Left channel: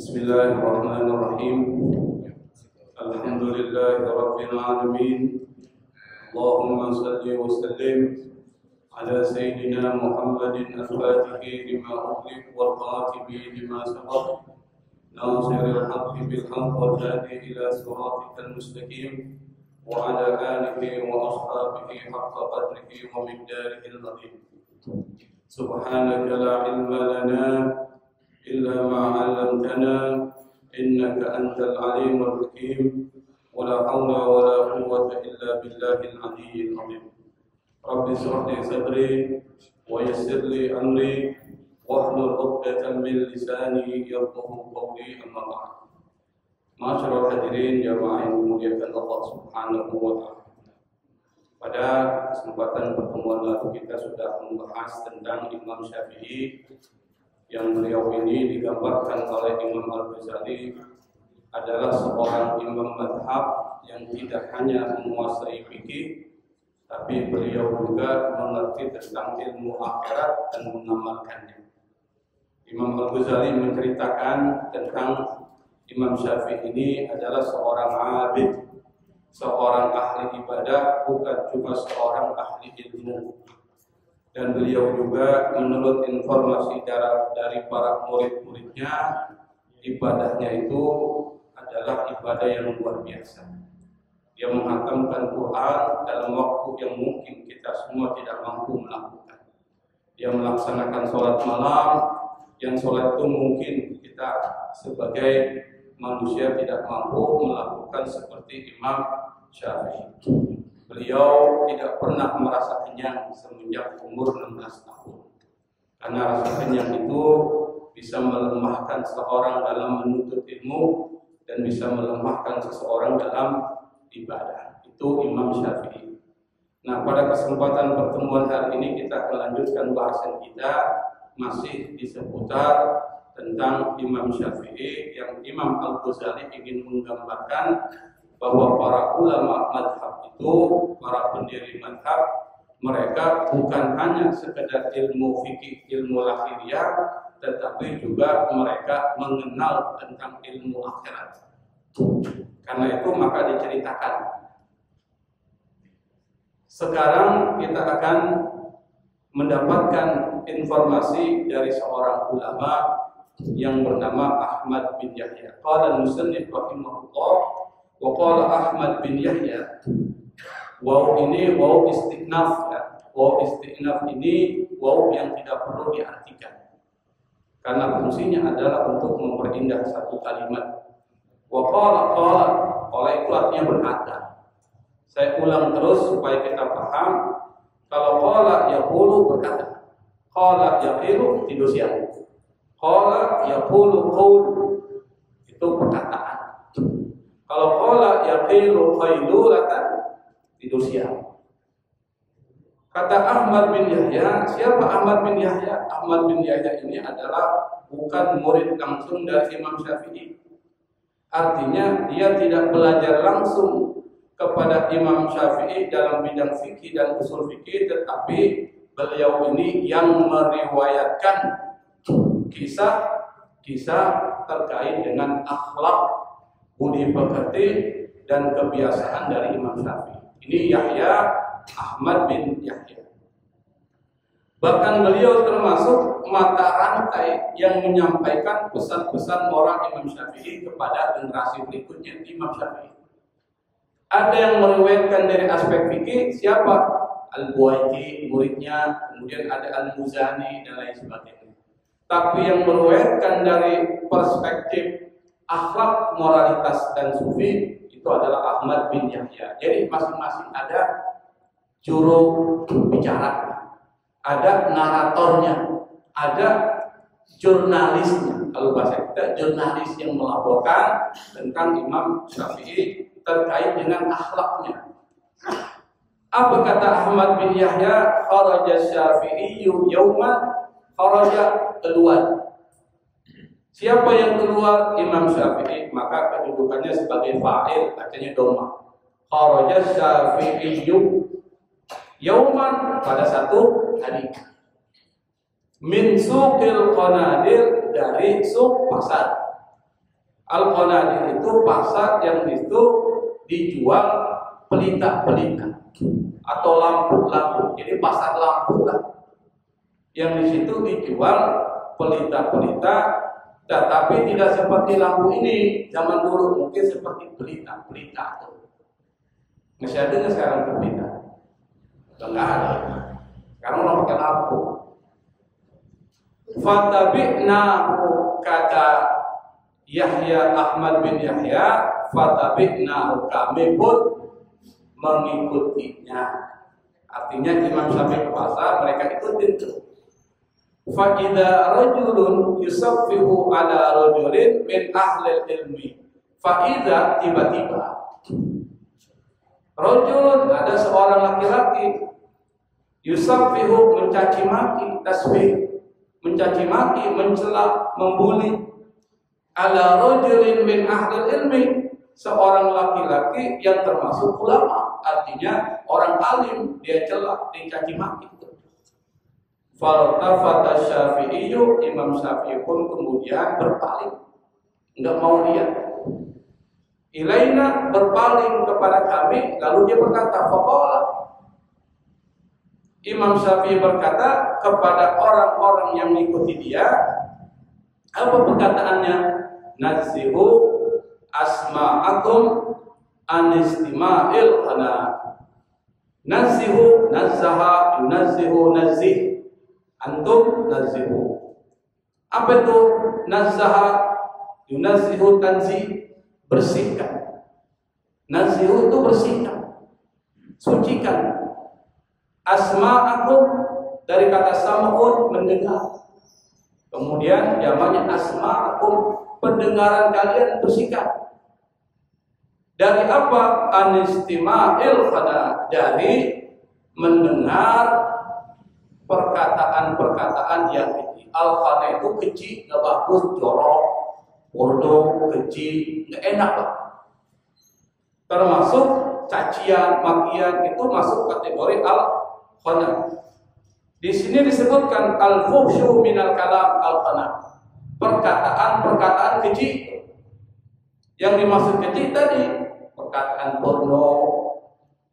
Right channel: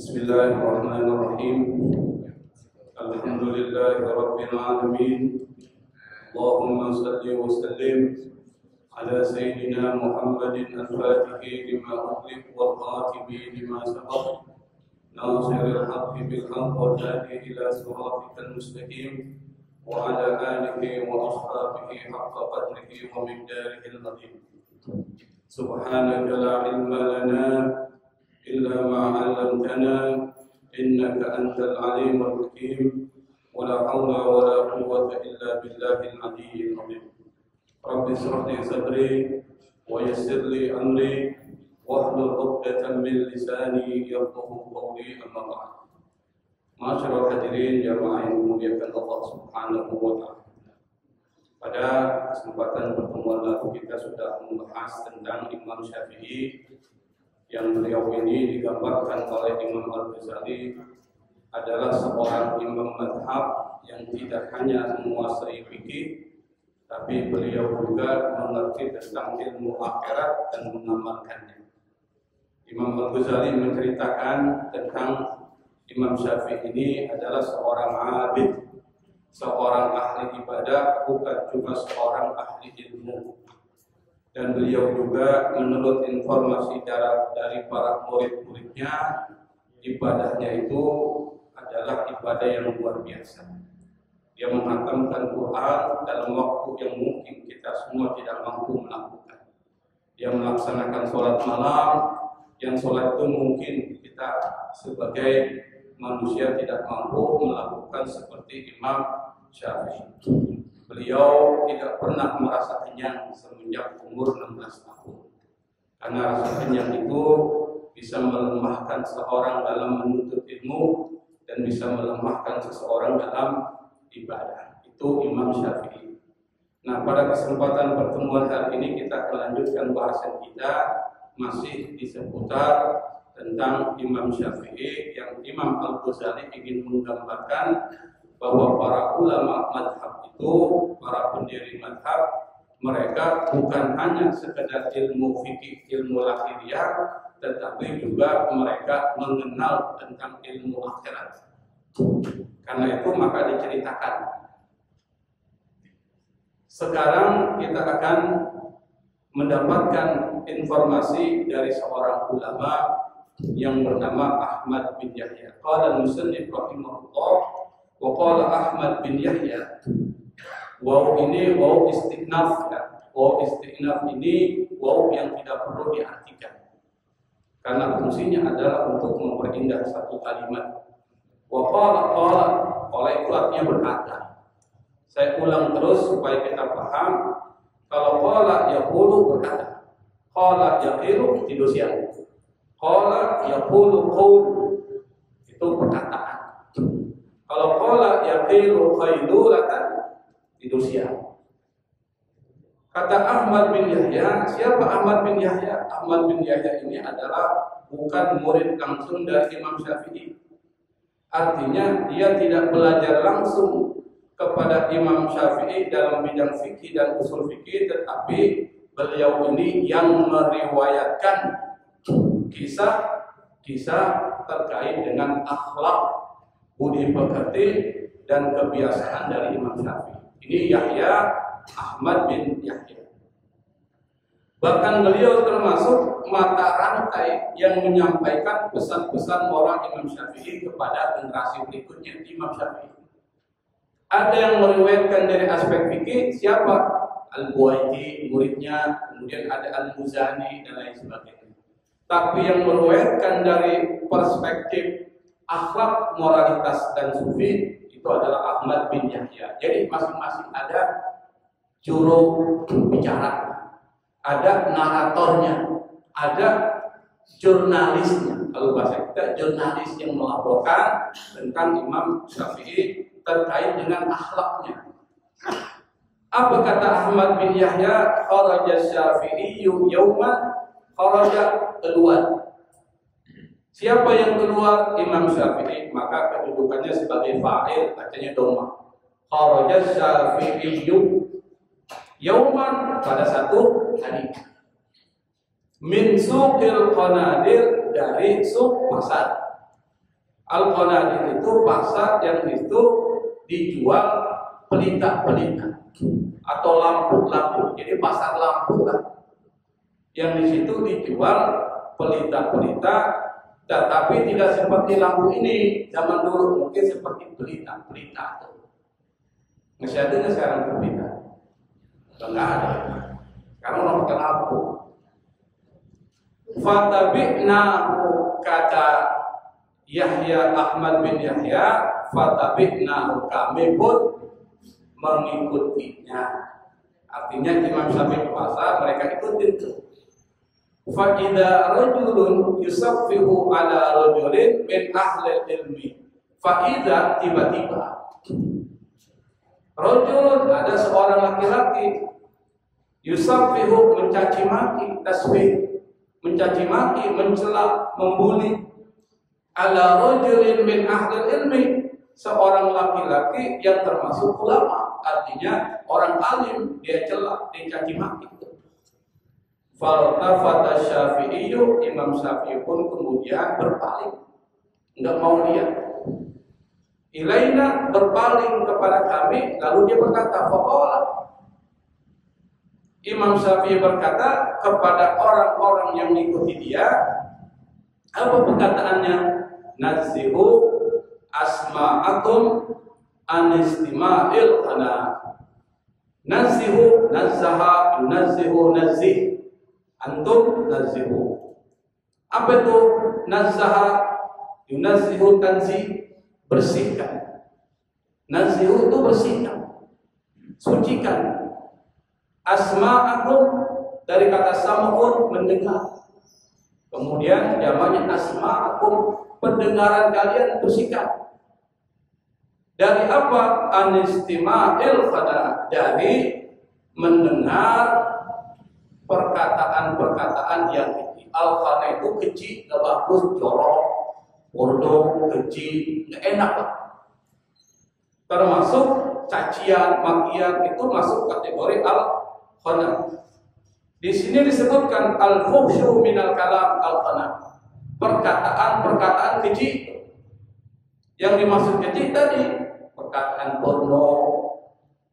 Bismillahirrahmanirrahim. Alhamdulillahirabbil alamin. Allahumma shalli wa sallim ala sayyidina Muhammadin al-Fatihi lima ughliq wal khatibi lima sabaq. Nasiril haqqi bil haqq wal hadi ila siratikal mustaqim wa ala alihi wa ashabihi haqqa qadrihi wa miqdarihi al-azim. Subhanaka la ilma lana illa ma 'allamtana innaka antal alimul hakim wa la hawla wa la quwwata illa billahil aliyyil azim. Rabbi shrah li sadri wa yassir li amri wahlul 'uqdatam min lisani yafqahu qawli, amma ba'd. Ma'asyiral hadirin jamaah yang dimuliakan Allah Subhanahu wa taala. Pada kesempatan pertemuan lalu kita sudah membahas tentang Imam Syafi'i, yang beliau ini digambarkan oleh Imam Al-Ghazali adalah seorang imam mazhab yang tidak hanya menguasai fikih, tapi beliau juga mengerti tentang ilmu akhirat dan mengamalkannya. Imam Al-Ghazali menceritakan tentang Imam Syafi'i ini adalah seorang abid, seorang ahli ibadah, bukan cuma seorang ahli ilmu. Dan beliau juga menurut informasi dari para murid-muridnya, ibadahnya itu adalah ibadah yang luar biasa. Dia menghatamkan Quran dalam waktu yang mungkin kita semua tidak mampu melakukan. Dia melaksanakan sholat malam, yang sholat itu mungkin kita sebagai manusia tidak mampu melakukan seperti Imam Syafi'i. Beliau tidak pernah merasa kenyang semenjak umur 16 tahun. Karena rasa kenyang itu bisa melemahkan seseorang dalam menuntut ilmu dan bisa melemahkan seseorang dalam ibadah. Itu Imam Syafi'i. Nah, pada kesempatan pertemuan hari ini kita akan lanjutkan bahasan kita masih di seputar tentang Imam Syafi'i, yang Imam Al-Ghazali ingin menggambarkan bahwa para ulama madhab itu, para pendiri madhab, mereka bukan hanya sekedar ilmu fikih, ilmu lahiriah, tetapi juga mereka mengenal tentang ilmu akhirat. Karena itu maka diceritakan. Sekarang kita akan mendapatkan informasi dari seorang ulama yang bernama Ahmad bin Yahya. Qala al-musannif rahimahullah, wa qala Ahmad bin Yahya. Waw ini waw istinaf ya. Waw istinaf ini waw yang tidak perlu diartikan, karena fungsinya adalah untuk memperindah satu kalimat. Wa qala itu artinya berkata. Saya ulang terus supaya kita paham. Kalau qala yaqulu berkata, qala yaqilu tidur siang, qala yaqulu qaul itu perkataan. Kalau qala yaqilu qailulatan tidur siang. Kata Ahmad bin Yahya, siapa Ahmad bin Yahya? Ahmad bin Yahya ini adalah bukan murid langsung dari Imam Syafi'i. Artinya dia tidak belajar langsung kepada Imam Syafi'i dalam bidang fikih dan usul fikih, tetapi beliau ini yang meriwayatkan kisah-kisah terkait dengan akhlak, budi pekerti dan kebiasaan dari Imam Syafi'i. Ini Yahya, Ahmad bin Yahya. Bahkan beliau termasuk mata rantai yang menyampaikan pesan-pesan moral Imam Syafi'i kepada generasi berikutnya. Imam Syafi'i ada yang meriwayatkan dari aspek fikih, siapa? Al-Buwaiti, muridnya, kemudian ada Al-Muzani dan lain sebagainya. Tapi yang meriwayatkan dari perspektif akhlak, moralitas dan sufi itu adalah Ahmad bin Yahya. Jadi masing-masing ada juru bicara, ada naratornya, ada jurnalisnya. Kalau bahasa kita jurnalis yang melaporkan tentang Imam Syafi'i terkait dengan akhlaknya. Apa kata Ahmad bin Yahya? Kharaja Syafi'i yauman, kharaja keluar. Siapa yang keluar? Imam Syafi'i, maka kedudukannya sebagai fa'il, bacanya dhamma. Kharaja Syafi'i yauman, pada satu hari. Min suqil qanadir, dari suq pasar. Al-Qanadir itu pasar yang itu dijual pelita-pelita atau lampu-lampu. Jadi pasar lampu lah. Yang di situ dijual pelita-pelita, tetapi tidak seperti lampu ini zaman dulu, mungkin seperti pelita-pelita itu. Masih ada nggak sekarang pelita? Enggak ada. Sekarang mau pakai lampu. Fatabi'nahu, kata Yahya Ahmad bin Yahya, fatabi'nahu, kami pun mengikutinya. Artinya Imam Syafi'i ke pasar, mereka ikutin tuh. Fa idza rajulun yusaffihu ala rajulin min ahli ilmi. Fa idza, tiba-tiba rajulun, ada seorang laki-laki, yusaffihu, mencaci maki, tasbih, mencaci maki, mencela, membuli, ala rajulin min ahli ilmi, seorang laki-laki yang termasuk ulama, artinya orang alim, dia cela, dia caci maki. Faltafata Syafi'iyyu, Imam Syafi'i pun kemudian berpaling, enggak mau lihat. Ilaina, berpaling kepada kami, lalu dia berkata, faqala, Imam Syafi'i berkata kepada orang-orang yang mengikuti dia, apa perkataannya? Nazihu asma'akum anistima'il qana. Nazihu, nazaha, yunazihu, nazih. Antum nazihu. Apa itu nazaha, yunazihu, tanzih? Bersihkan. Nazihu itu bersihkan, sucikan. Asma'akum, dari kata sam'un, mendengar. Kemudian jamaknya asma'akum, pendengaran kalian bersihkan. Dari apa? Anistima'il qada, dari mendengar perkataan-perkataan yang keji. Al-qana itu keji, gak bagus, jorok, bodoh, keji, gak enak lah. Termasuk cacian, makian, itu masuk kategori al-qana. Di sini disebutkan al-fuhsyu minal kalam al-qana, perkataan-perkataan keji. Yang dimaksud keji tadi perkataan porno,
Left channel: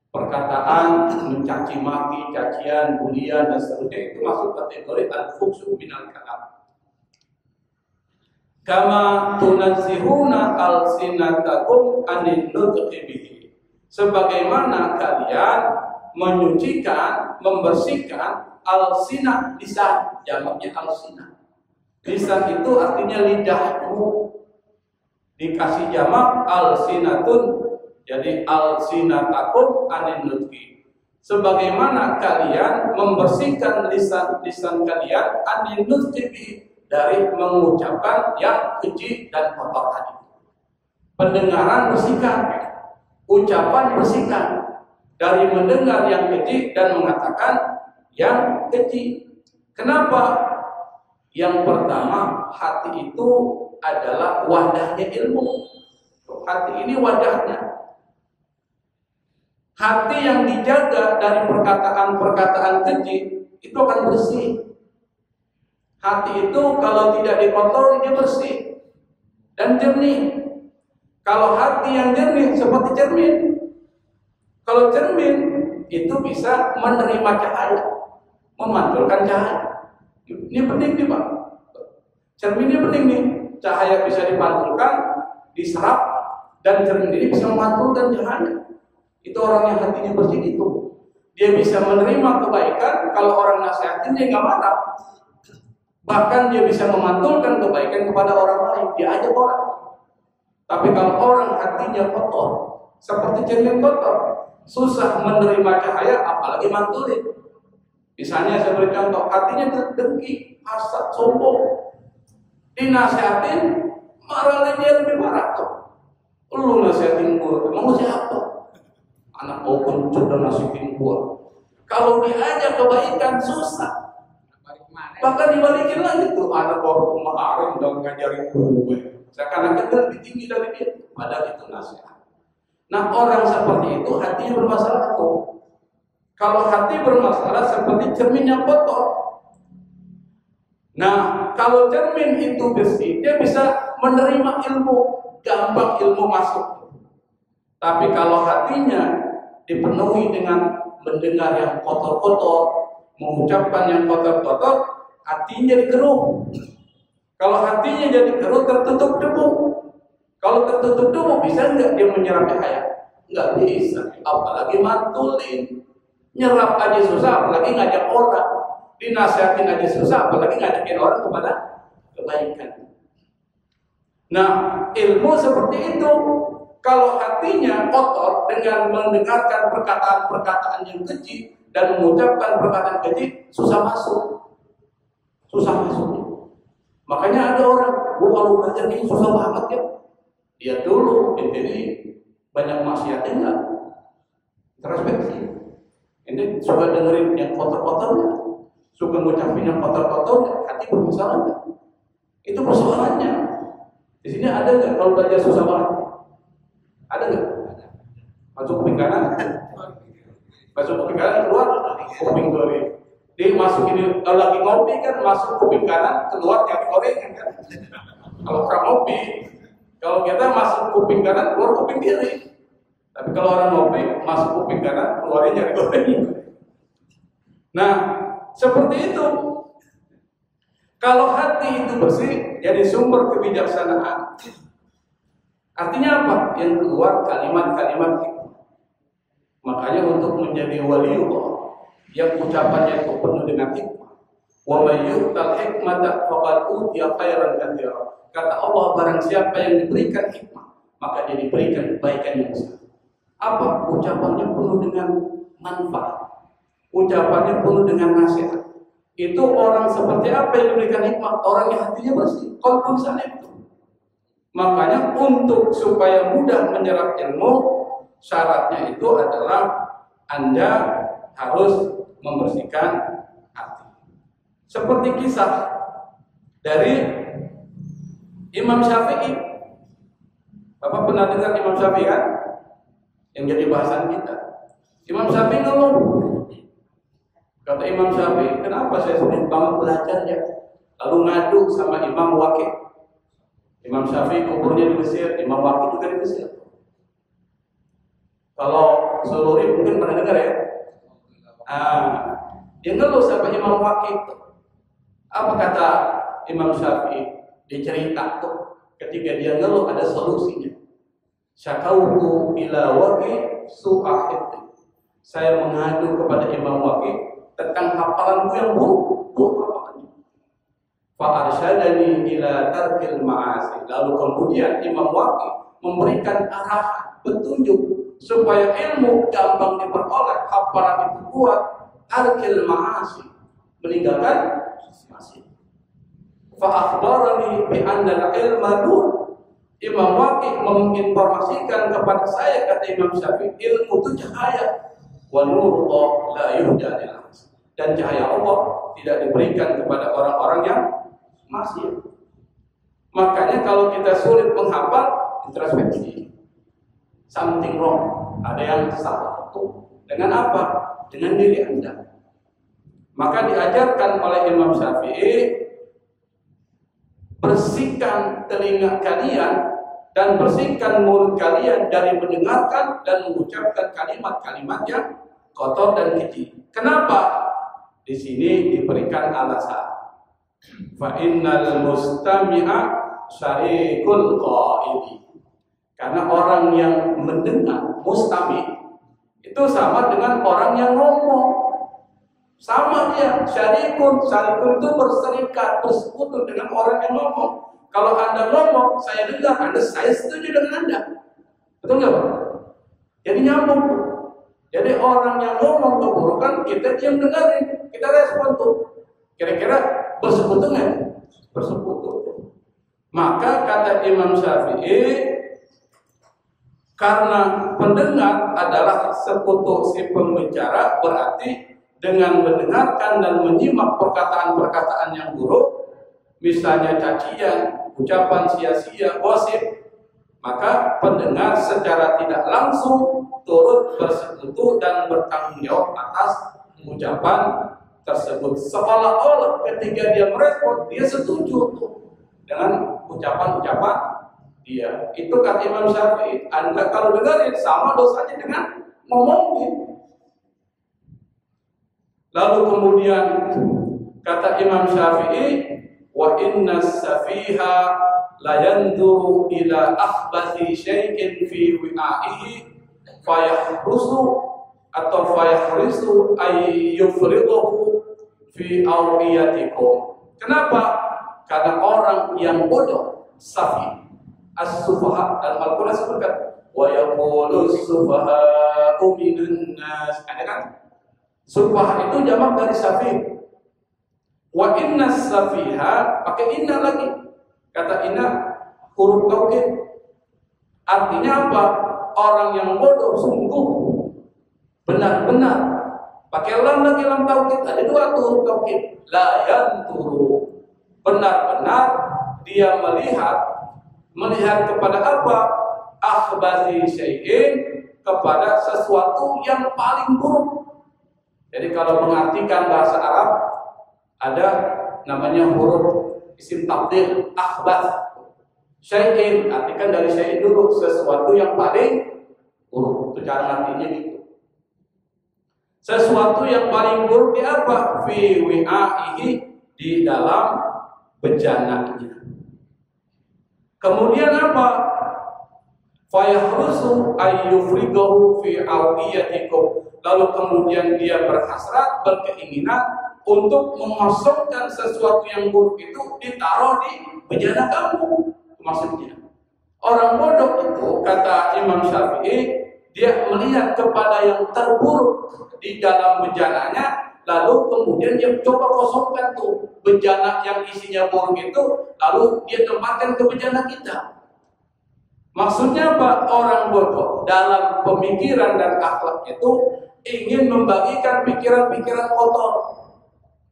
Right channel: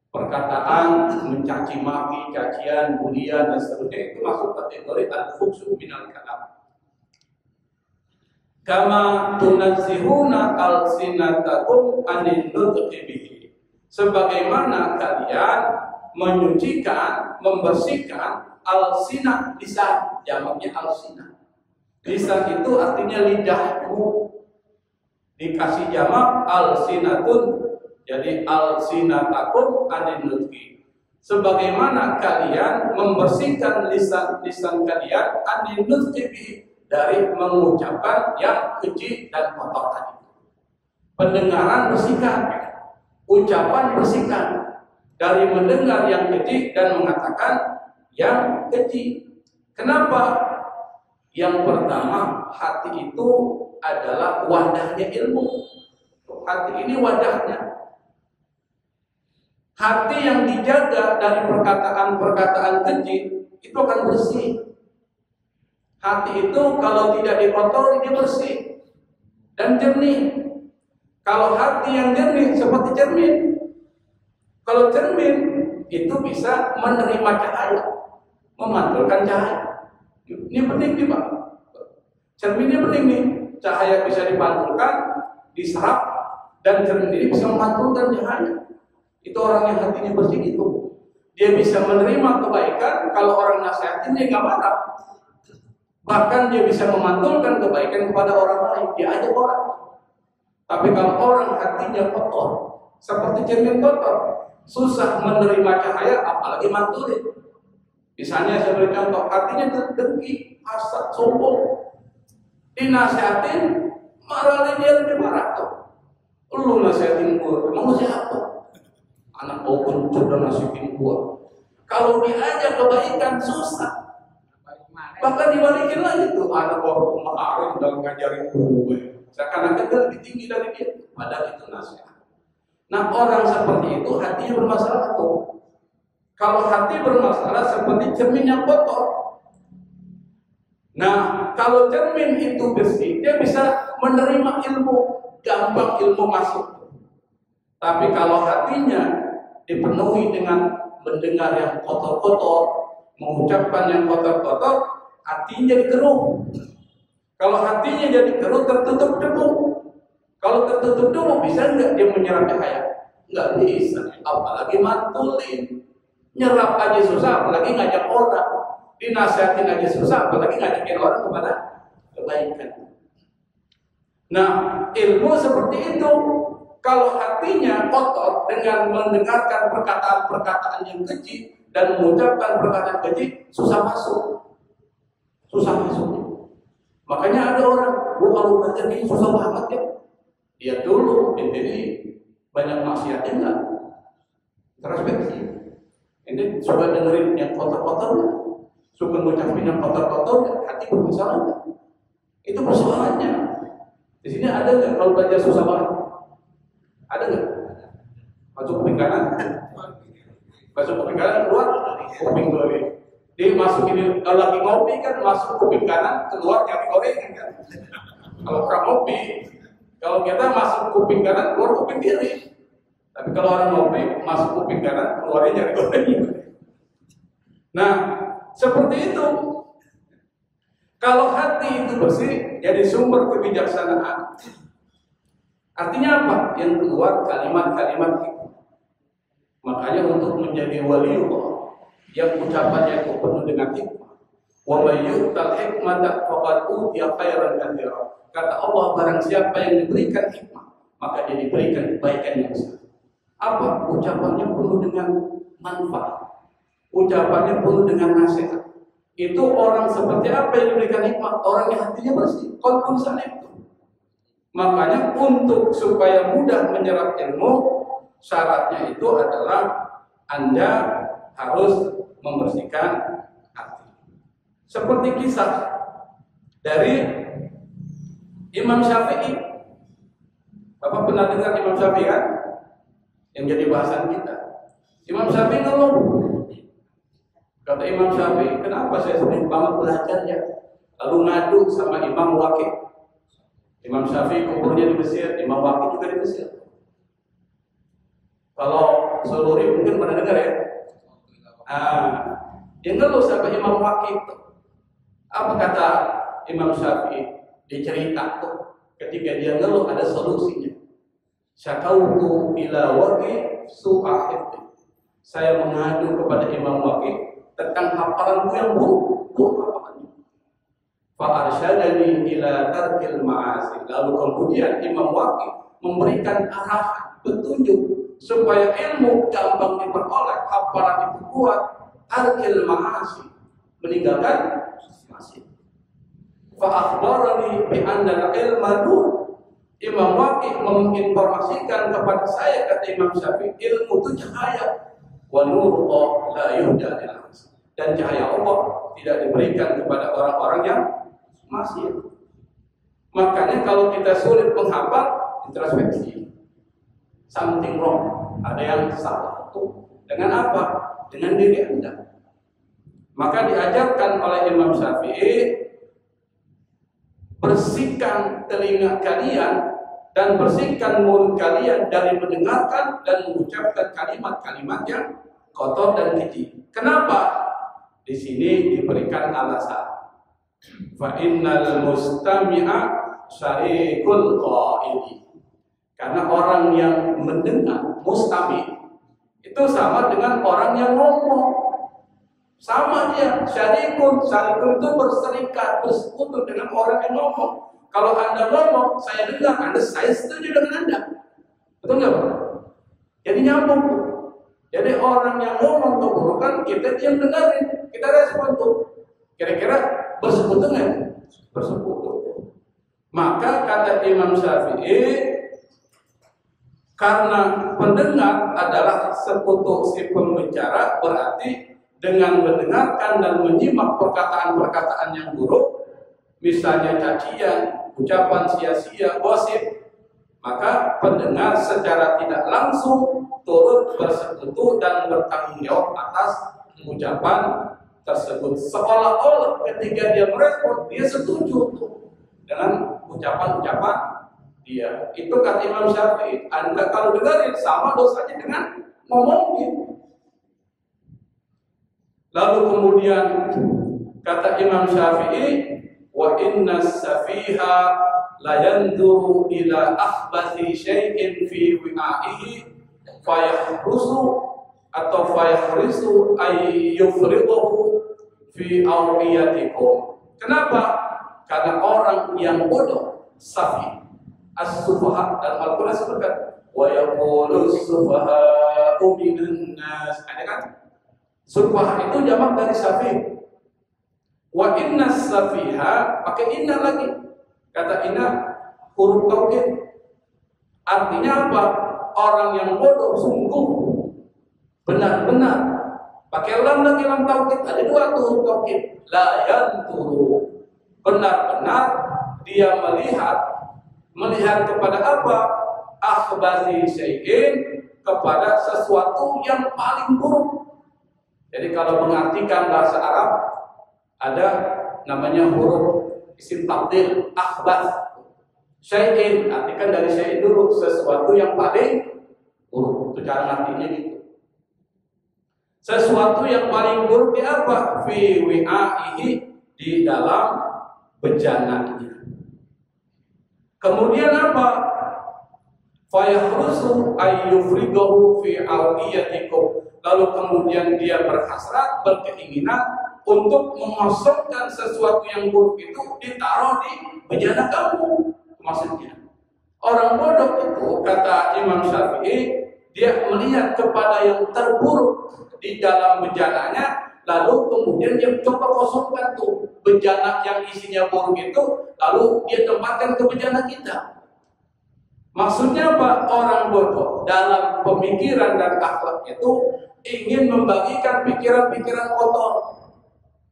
perkataan mencaci maki, cacian, bulian, dan seterusnya, itu masuk kategori al-fuhsyu minal kalam. Kama tunazzihuna alsinatakum anin nutqi bihi, sebagaimana kalian menyucikan, membersihkan alsinah, lisan, jamaknya alsinah. Lisan itu artinya lidahmu, dikasih jamak alsinatun, jadi alsinatakum anin nutqi, sebagaimana kalian membersihkan lisan kalian anin nutqi bihi, dari mengucapkan yang keji dan kotor tadi. Pendengaran bersihkan, ucapan bersihkan, dari mendengar yang keji dan mengatakan yang keji. Kenapa? Yang pertama, hati itu adalah wadahnya ilmu. Hati ini wadahnya. Hati yang dijaga dari perkataan-perkataan keji itu akan bersih. Hati itu kalau tidak dikotori, dia bersih dan jernih. Kalau hati yang jernih seperti cermin. Kalau cermin itu bisa menerima cahaya, memantulkan cahaya. Ini penting nih Pak. Cermin ini penting nih. Cahaya bisa dipantulkan, diserap, dan cermin ini bisa memantulkan cahaya. Itu orang yang hatinya bersih itu. Dia bisa menerima kebaikan, kalau orang nasihatin dia nggak marah. Bahkan dia bisa memantulkan kebaikan kepada orang lain, dia ajak orang. Tapi kalau orang hatinya kotor, seperti cermin kotor, susah menerima cahaya, apalagi mantulin. Misalnya saya beri contoh, hatinya dengki, hasad, sombong. Dinasihatin, marah dia lebih marah tuh. Lu nasihatin gua, emang lu siapa? Anak bau kencur dan nasihatin gua. Kalau diajak kebaikan susah. Bahkan dibalikin lagi tuh, anak bau kemarin udah ngajarin gue. Seakan-akan dia lebih tinggi dari dia, padahal itu nasihat. Nah, orang seperti itu hatinya bermasalah tuh. Kalau hati bermasalah seperti cermin yang kotor. Nah, kalau cermin itu bersih, dia bisa menerima ilmu. gampang ilmu masuk. Tapi kalau hatinya dipenuhi dengan mendengar yang kotor-kotor, mengucapkan yang kotor-kotor, hatinya jadi keruh. Kalau hatinya jadi keruh, tertutup debu. Kalau tertutup debu, bisa nggak dia menyerap cahaya? Nggak bisa. Apalagi mantulin. Nyerap aja susah, apalagi ngajak orang. Dinasihatin aja susah, apalagi ngajakin orang kepada kebaikan. Nah, ilmu seperti itu. Kalau hatinya kotor dengan mendengarkan perkataan-perkataan yang keji dan mengucapkan perkataan keji, susah masuk. Susah masuk. Makanya ada orang, kalau belajar ini susah banget ya. Dia dulu, jadi banyak maksiatnya enggak? Introspeksi. Ini suka dengerin yang kotor-kotornya, suka ngucapin yang kotor-kotornya, hati bermasalah enggak? Itu persoalannya. Di sini ada nggak kalau belajar susah banget? Ada nggak? Masuk kuping kanan, masuk kuping kanan keluar, kuping kiri. Dia masuk ini kalau lagi ngopi kan masuk kuping kanan, keluar nyari gorengan kan. Kalau orang ngopi, kalau kita masuk kuping kanan, keluar kuping kiri. Tapi kalau orang ngopi masuk kuping kanan, keluarnya nyari gorengan. Nah, seperti itu. Kalau hati itu bersih, jadi sumber kebijaksanaan. Artinya apa? Yang keluar kalimat-kalimat hikmah. Makanya untuk menjadi waliullah yang ucapannya itu penuh dengan hikmah. Wa may yu'tal hikmata faqad utiya khairan katsiran. Kata Allah, barang siapa yang diberikan hikmah, maka dia diberikan kebaikan yang besar. Apa? Ucapannya penuh dengan manfaat. Ucapannya penuh dengan nasihat. Itu orang seperti apa yang diberikan hikmah? Orang yang hatinya bersih. Qalbun salim. Makanya untuk supaya mudah menyerap ilmu, syaratnya itu adalah Anda harus membersihkan hati. Seperti kisah dari Imam Syafi'i. Bapak pernah dengar Imam Syafi'i kan? Yang jadi bahasan kita. Imam Syafi'i ngeluh. Kata Imam Syafi'i, kenapa saya sulit banget belajarnya? Lalu ngadu sama Imam Waqi'. Imam Syafi'i kuburnya di Mesir, Imam Waqi' juga di Mesir. Kalau Sururi mungkin pernah dengar ya? Dia ngeluh sama Imam Waqi'. Apa kata Imam Syafi'i? Dia cerita tuh, ketika dia ngeluh ada solusinya. Syakautu ila Waqi' su'ahibti. Saya mengadu kepada Imam Waqi' tentang hafalanku yang buruk hafalannya. Fa'arsyadani ila tarkil ma'asi. Lalu kemudian Imam Waqi' memberikan arahan, petunjuk supaya ilmu gampang diperoleh, hafalan itu kuat, tarkil ma'asi, meninggalkan maksiat. Fa'akhbarani bi anna al-ilma nur. Imam Waqi' menginformasikan kepada saya, kata Imam Syafi'i, ilmu itu cahaya. Wa nurullah la yuhda lil nas. Dan cahaya Allah tidak diberikan kepada orang-orang yang maksiat. Makanya kalau kita sulit menghafal, introspeksi. Something wrong. Ada yang salah. Dengan apa? Dengan diri Anda. Maka diajarkan oleh Imam Syafi'i, bersihkan telinga kalian dan bersihkan mulut kalian dari mendengarkan dan mengucapkan kalimat-kalimat yang kotor dan keji. Kenapa? Di sini diberikan alasan. Fa innal mustami'a syarikul qaili. Karena orang yang mendengar, mustami, itu sama dengan orang yang ngomong. Sama dia, syarikun itu berserikat, bersekutu dengan orang yang ngomong. Kalau Anda ngomong, saya dengar, saya setuju dengan Anda. Betul nggak Pak? Jadi nyambung. Jadi orang yang ngomong keburukan, kita diam dengerin, kita respon tuh. Kira-kira bersekutu nggak? Bersekutu. Maka kata Imam Syafi'i, karena pendengar adalah sekutu si pembicara, berarti dengan mendengarkan dan menyimak perkataan-perkataan yang buruk, misalnya cacian, ucapan sia-sia, gosip, maka pendengar secara tidak langsung turut bersekutu dan bertanggung jawab atas ucapan tersebut. Seolah-olah ketika dia merespon, dia setuju dengan ucapan-ucapan dia. Itu kata Imam Syafi'i. Anda kalau dengarin sama dosanya dengan ngomongin. Lalu kemudian kata Imam Syafi'i, wa inna safiha la yanzuru ila akhbathi syai'in fi wi'aihi fayahrusu atau fayahrisu ay yufriduhu fi awqiyatikum. Kenapa? Karena orang yang bodoh, safi, as-sufaha, dalam Al-Quran sebutkan wa yaqulu as-sufaha'u minan nas. Ada kan? Sufaha itu jamak dari safi. Wa inna safiha, pakai inna lagi. Kata inna huruf taukid. Artinya apa? Orang yang bodoh sungguh benar-benar. Pakai lam lagi, lam taukid. Ada dua tuh huruf taukid. La yanturu. Benar-benar dia melihat kepada apa? Akhbathi syai'in, kepada sesuatu yang paling buruk. Jadi kalau mengartikan bahasa Arab ada namanya huruf isim tafdhil, akhbath syai'in, artikan dari syai'in dulu, sesuatu yang paling buruk. Itu cara artinya gitu. Sesuatu yang paling buruk di apa? Fi wi'aihi, di dalam bejananya. Kemudian apa? Fayahrusu ayyufrigahu fi awqiyatikum. Lalu kemudian dia berhasrat, berkeinginan untuk mengosongkan sesuatu yang buruk itu ditaruh di bejana kamu. Maksudnya orang bodoh itu, kata Imam Syafi'i, dia melihat kepada yang terburuk di dalam bejananya, lalu kemudian dia coba kosongkan tuh bejana yang isinya buruk itu, lalu dia tempatkan ke bejana kita. Maksudnya apa? Orang bodoh dalam pemikiran dan akhlak itu ingin membagikan pikiran-pikiran kotor,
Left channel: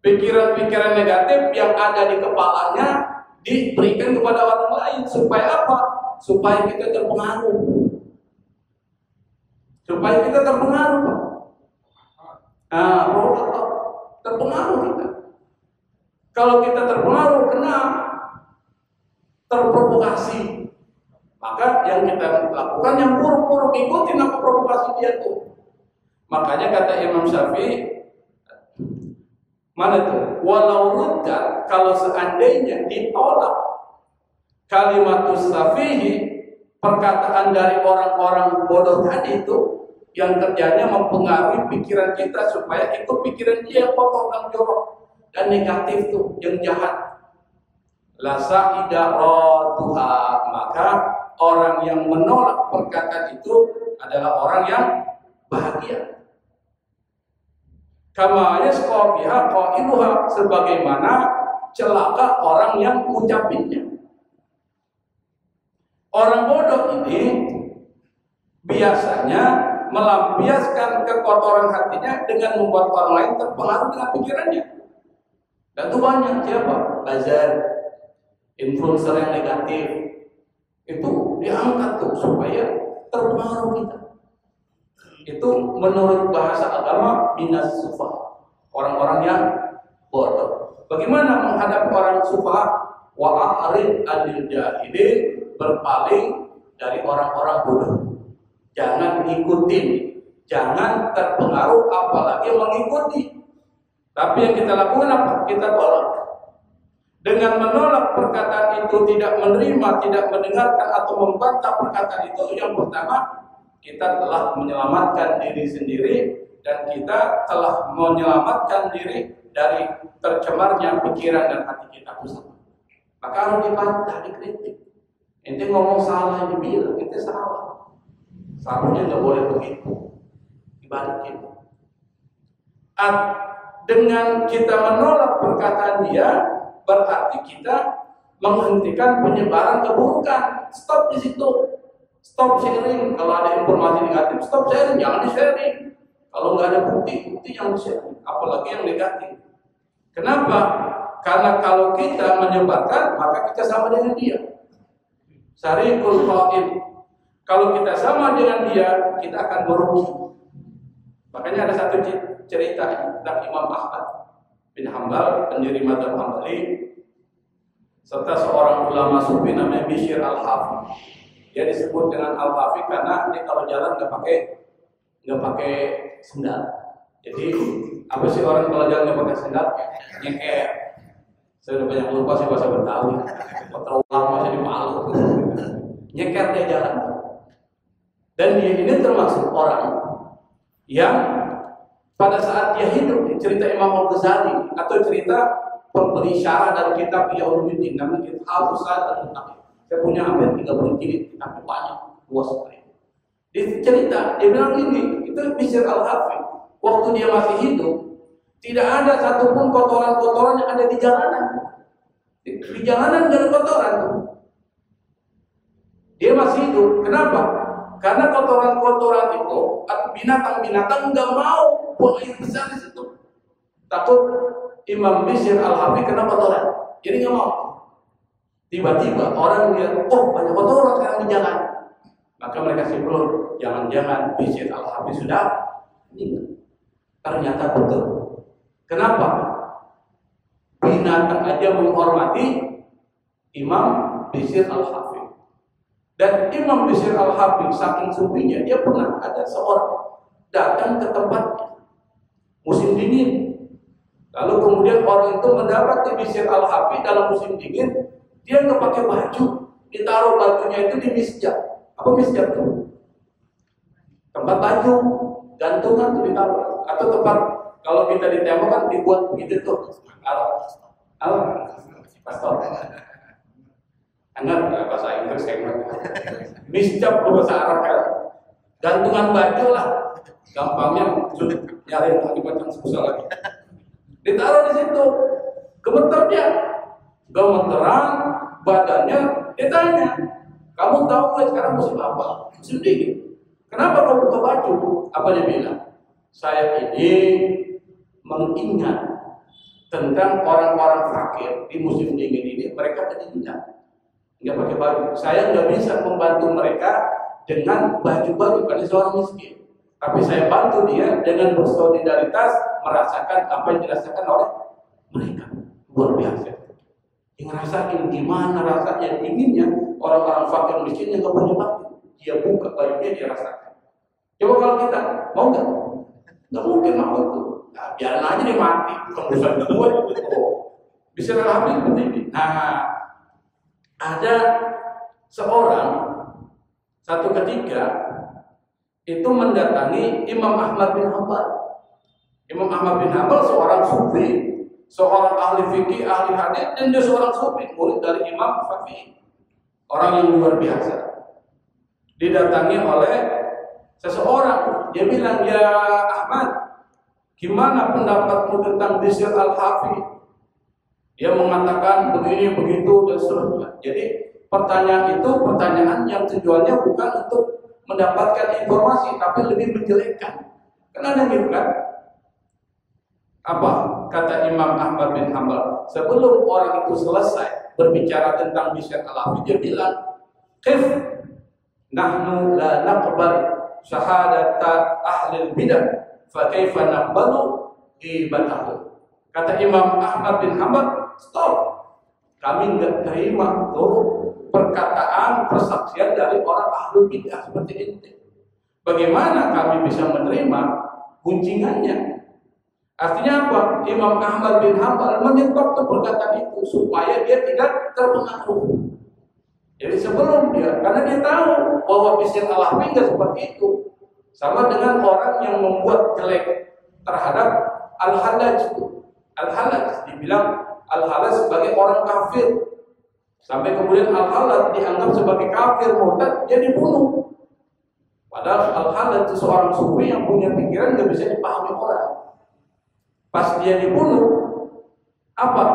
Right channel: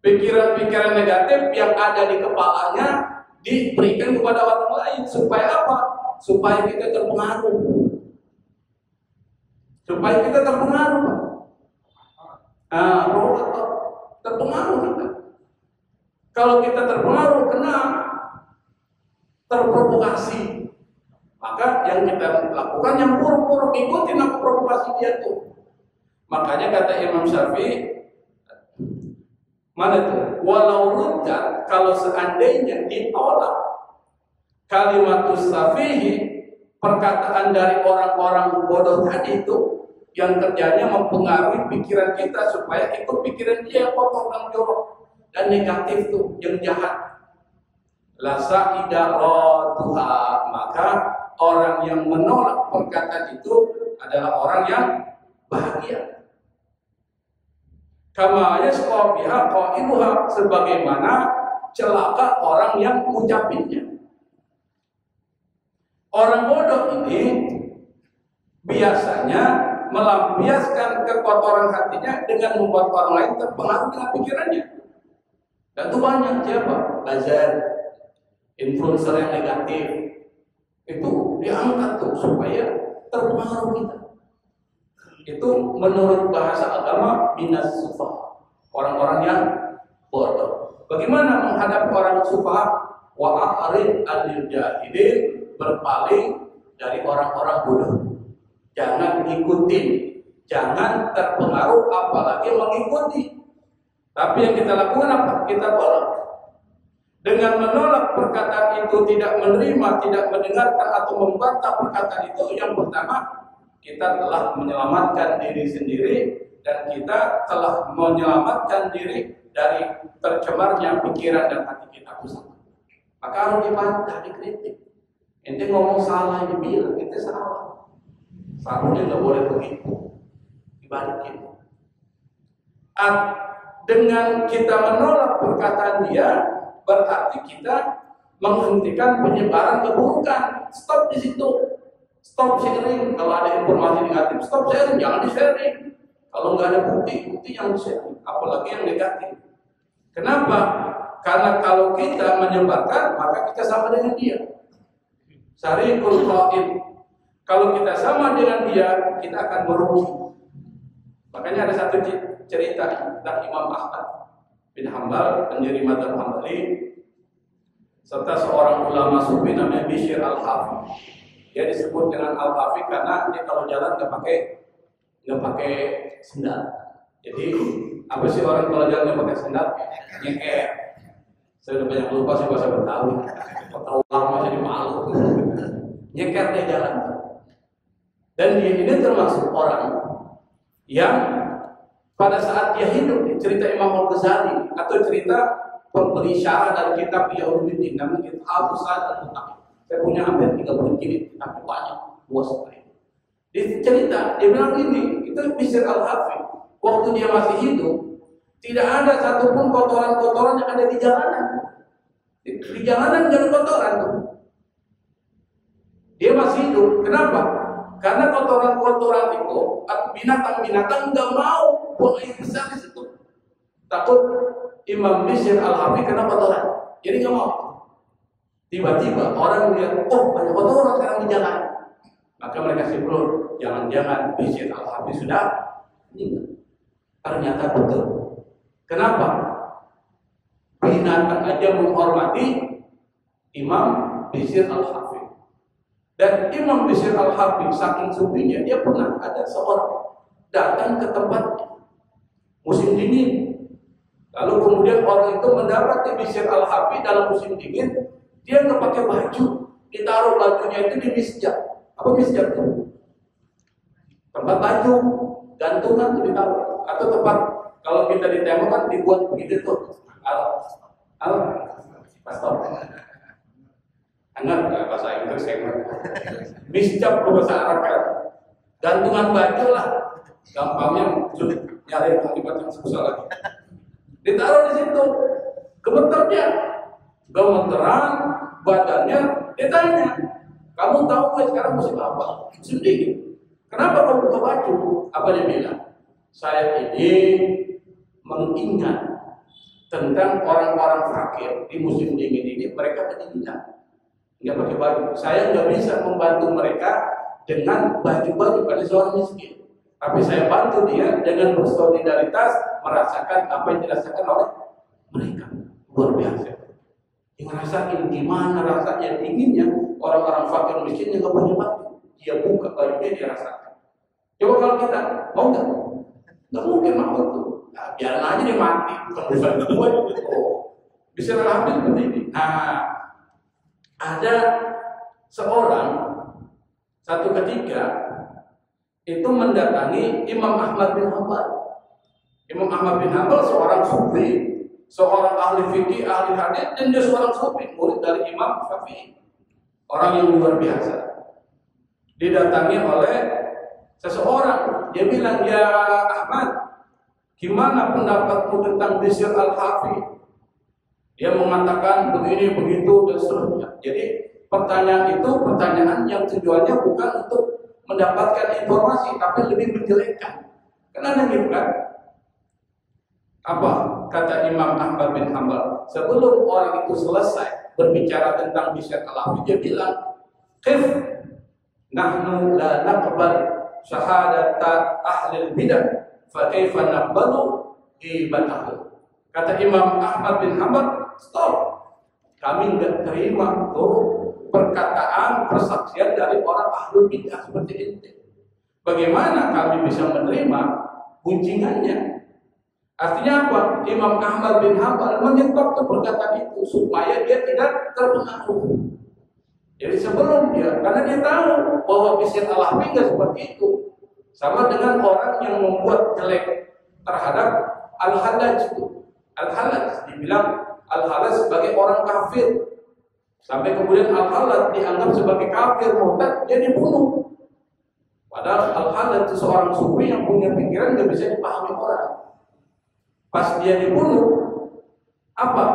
pikiran-pikiran negatif yang ada di kepalanya diberikan kepada orang lain. Supaya apa? Supaya kita terpengaruh. Supaya kita terpengaruh. Terpengaruh kita. Kalau kita terpengaruh, kena terprovokasi, maka yang kita lakukan yang buruk-buruk, ikutin apa provokasi dia tuh. Makanya kata Imam Syafi'i, mana tuh? Walau ruddat, kalau seandainya ditolak kalimatus safihi, perkataan dari orang-orang bodoh tadi itu, yang kerjanya mempengaruhi pikiran kita supaya itu pikiran dia yang kotor dan jorok dan negatif tuh, yang jahat. La sa'idaratuha, maka orang yang menolak perkataan itu adalah orang yang bahagia. Kama yasqa biha qailuha, sebagaimana celaka orang yang mengucapinnya. Orang bodoh ini biasanya melampiaskan kekotoran hatinya dengan membuat orang lain terpengaruh dengan pikirannya. Dan itu banyak. Siapa? Buzzer, influencer yang negatif, itu diangkat tuh supaya terpengaruh kita. Itu menurut bahasa agama minas sufa, orang-orang yang bodoh. Bagaimana menghadapi orang sufa? Wa a'rid 'anil jahilin, berpaling dari orang-orang bodoh. Jangan ikutin, jangan terpengaruh, apalagi mengikuti. Tapi yang kita lakukan apa? Kita tolak. Dengan menolak perkataan itu, tidak menerima, tidak mendengarkan atau membantah perkataan itu, yang pertama, kita telah menyelamatkan diri sendiri dan kita telah menyelamatkan diri dari tercemarnya pikiran dan hati kita pusat. Maka harus dibantah, dikritik. Ente ngomong salah, dibilang ente salah. Seharusnya nggak boleh begitu. Dibalikin. Dengan kita menolak perkataan dia, berarti kita menghentikan penyebaran keburukan. Stop di situ. Stop sharing. Kalau ada informasi negatif, stop sharing. Jangan di-sharing. Kalau nggak ada bukti yang di-sharing. Apalagi yang negatif. Kenapa? Karena kalau kita menyebarkan, maka kita sama dengan dia. Syariqul qaim. Kalau kita sama dengan dia, kita akan merugi. Makanya ada satu cerita tentang Imam Ahmad bin Hanbal, pendiri mazhab Hambali, serta seorang ulama sufi namanya Bishr al-Hafi. Dia disebut dengan Al-Hafiz karena dia kalau jalan nggak pakai sendal. Jadi apa sih orang kalau jalan nggak pakai sendal? Nyeker. Saya udah banyak lupa sih bahasa Betawi. Terlalu masih di Palu. Nyeker dia jalan. Dan dia ini termasuk orang yang pada saat dia hidup, cerita Imam Al-Ghazali atau cerita pemberi syarah dari kitab Yauluddin namanya Al-Usad Al-Mutaqi. Saya punya hampir 30 jilid, tapi banyak, luas sekali. Dia cerita, dia bilang ini, itu Bishr Al-Hafiz. Waktu dia masih hidup, tidak ada satupun kotoran-kotoran yang ada di jalanan. Di jalanan nggak ada kotoran tuh. Dia masih hidup, kenapa? Karena kotoran-kotoran itu, binatang-binatang nggak mau buang air besar di situ. Takut Imam Bishr Al-Hafiz kena kotoran, jadi nggak mau. Tiba-tiba orang melihat, oh banyak kotoran sekarang di jalan. Maka mereka simpul, jangan-jangan Bishr Al-Hafiz sudah meninggal. Ternyata betul. Kenapa? Binatang aja menghormati Imam Bishr Al-Hafiz. Dan Imam Bishr Al-Hafiz saking sufinya, dia pernah ada seorang datang ke tempatnya musim dingin. Lalu kemudian orang itu mendapati Bishr Al-Hafiz dalam musim dingin, dia nggak pakai baju, ditaruh bajunya itu di misjab. Apa misjab itu? Tempat baju, gantungan tuh ditaruh. Atau tempat kalau kita di tembok kan dibuat begitu tuh. Angat bahasa Inggris kayak gitu. Misjab itu bahasa Arab kan. Gantungan baju lah. Gampangnya nyari kalimat yang susah lagi. Ditaruh di situ. Gemeter dia. Gemeteran badannya ditanya. Kamu tahu nggak sekarang musim apa? Musim dingin. Kenapa kamu buka baju? Apa dia bilang? Saya ini mengingat tentang orang-orang fakir di musim dingin ini, mereka kedinginan, nggak pakai baju. Saya nggak bisa membantu mereka dengan baju-baju karena seorang miskin. Tapi saya bantu dia dengan bersolidaritas merasakan apa yang dirasakan oleh mereka. Luar biasa. Yang ngerasain gimana rasanya dinginnya orang-orang fakir miskin yang nggak punya baju. Dia buka bajunya, dia rasakan. Coba kalau kita mau nggak? Nggak mungkin mau itu. Nah, biarin aja dia mati. Kemudian kedua itu bisa Al-Hafiz seperti ini. Nah, ada seorang satu ketika itu mendatangi Imam Ahmad bin Hanbal. Imam Ahmad bin Hanbal seorang sufi, seorang ahli fikih, ahli hadis, dan dia seorang sufi, murid dari Imam Syafi'i. Orang yang luar biasa. Didatangi oleh seseorang, dia bilang, ya Ahmad, gimana pendapatmu tentang Bishr Al-Hafiz? Dia mengatakan begini, begitu, dan seterusnya. Jadi pertanyaan itu pertanyaan yang tujuannya bukan untuk mendapatkan informasi, tapi lebih menjelekkan. Karena ada gitu kan? Apa kata Imam Ahmad bin Hanbal? Sebelum orang itu selesai berbicara tentang Bishr Al-Hafiz, dia bilang, "Qif nahnu la naqbal syahadata ahli bidah, fa kaifa naqbalu ibatahu." Kata Imam Ahmad bin Hanbal, stop. Kami enggak terima tuh perkataan, persaksian dari orang ahli bidah seperti itu. Bagaimana kami bisa menerima guncingannya? Artinya apa? Imam Ahmad bin Hanbal menyebab tuh perkataan itu supaya dia tidak terpengaruh. Jadi sebelum dia, karena dia tahu bahwa Bishr Al-Hafiz nggak seperti itu, sama dengan orang yang membuat jelek terhadap Al-Hallaj itu. Al-Hallaj dibilang Al-Hallaj sebagai orang kafir, sampai kemudian Al-Hallaj dianggap sebagai kafir murtad, dia dibunuh. Padahal Al-Hallaj itu seorang sufi yang punya pikiran nggak bisa dipahami orang. Pas dia dibunuh, apa?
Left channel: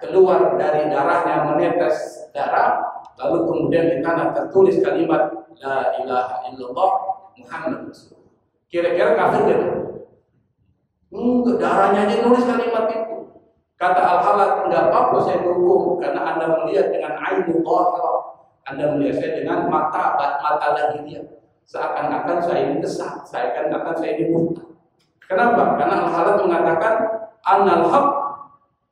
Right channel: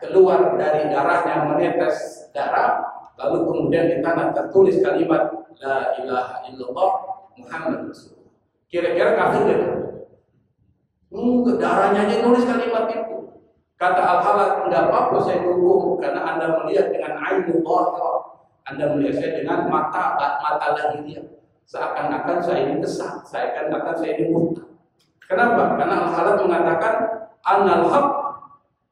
Keluar dari darahnya menetes darah, lalu kemudian di tanah tertulis kalimat La ilaha illallah Muhammad Rasulullah. Kira-kira kafir gitu? Enggak, darahnya aja nulis kalimat itu. Kata Al-Hallaj, enggak apa-apa saya dukung karena Anda melihat dengan ainul dhahirah. Anda melihat saya dengan mata lahiriah. Seakan-akan saya ini kesat, seakan-akan saya ini murtad. Kenapa? Karena Al-Hallaj mengatakan Anal haq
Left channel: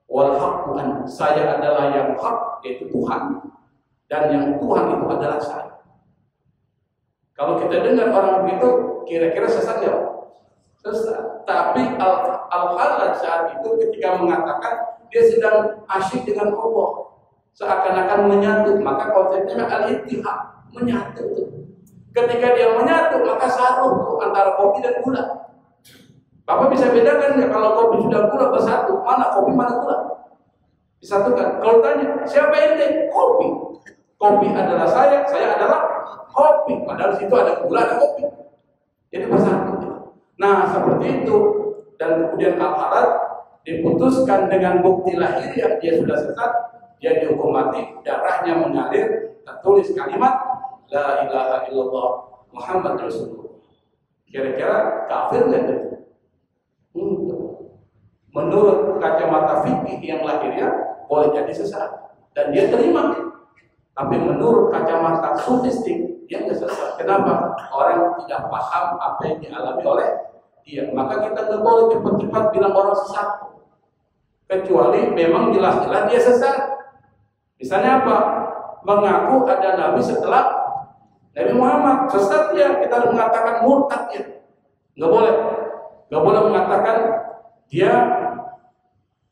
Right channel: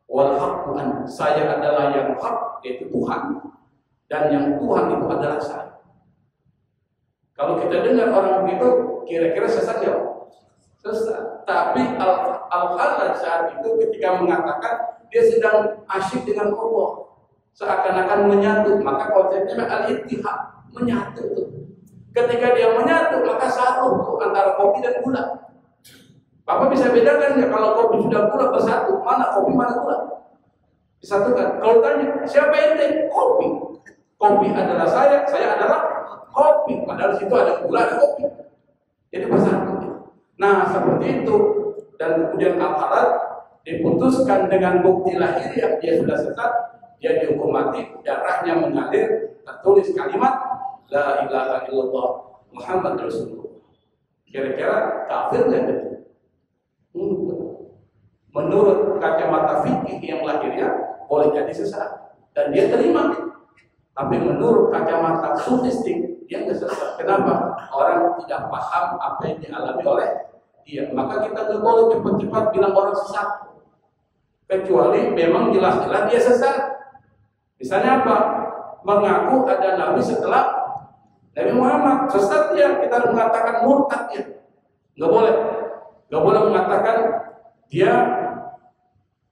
wal haqqu an. Saya adalah yang hak, yaitu Tuhan, dan yang Tuhan itu adalah saya. Kalau kita dengar orang begitu, kira-kira sesat nggak? Sesat. Tapi Al-Khalaj saat itu ketika mengatakan dia sedang asyik dengan Allah, seakan-akan menyatu, maka konsepnya al-ittihad, menyatu. Ketika dia menyatu, maka satu antara kopi dan gula. Bapak bisa bedakan ya kalau kopi sudah gula bersatu, mana kopi mana gula? Disatukan. Kalau tanya, siapa ente? Kopi. Kopi adalah saya adalah kopi. Padahal situ ada gula, ada kopi. Jadi bersatu. Nah, seperti itu. Dan kemudian Al-Khalaj diputuskan dengan bukti lahiriah dia sudah sesat, dia dihukum mati, darahnya mengalir, tertulis kalimat La ilaha illallah Muhammad Rasulullah. Kira-kira kafir nggak itu? Menurut kacamata fikih yang lahiriah boleh jadi sesat dan dia terima. Tapi menurut kacamata sufistik dia nggak sesat. Kenapa? Orang tidak paham apa yang dialami oleh dia. Maka kita nggak boleh cepat-cepat bilang orang sesat. Kecuali memang jelas-jelas dia sesat. Misalnya apa? Mengaku ada nabi setelah Nabi Muhammad, sesat ya, kita mengatakan murtad ya. Nggak boleh mengatakan dia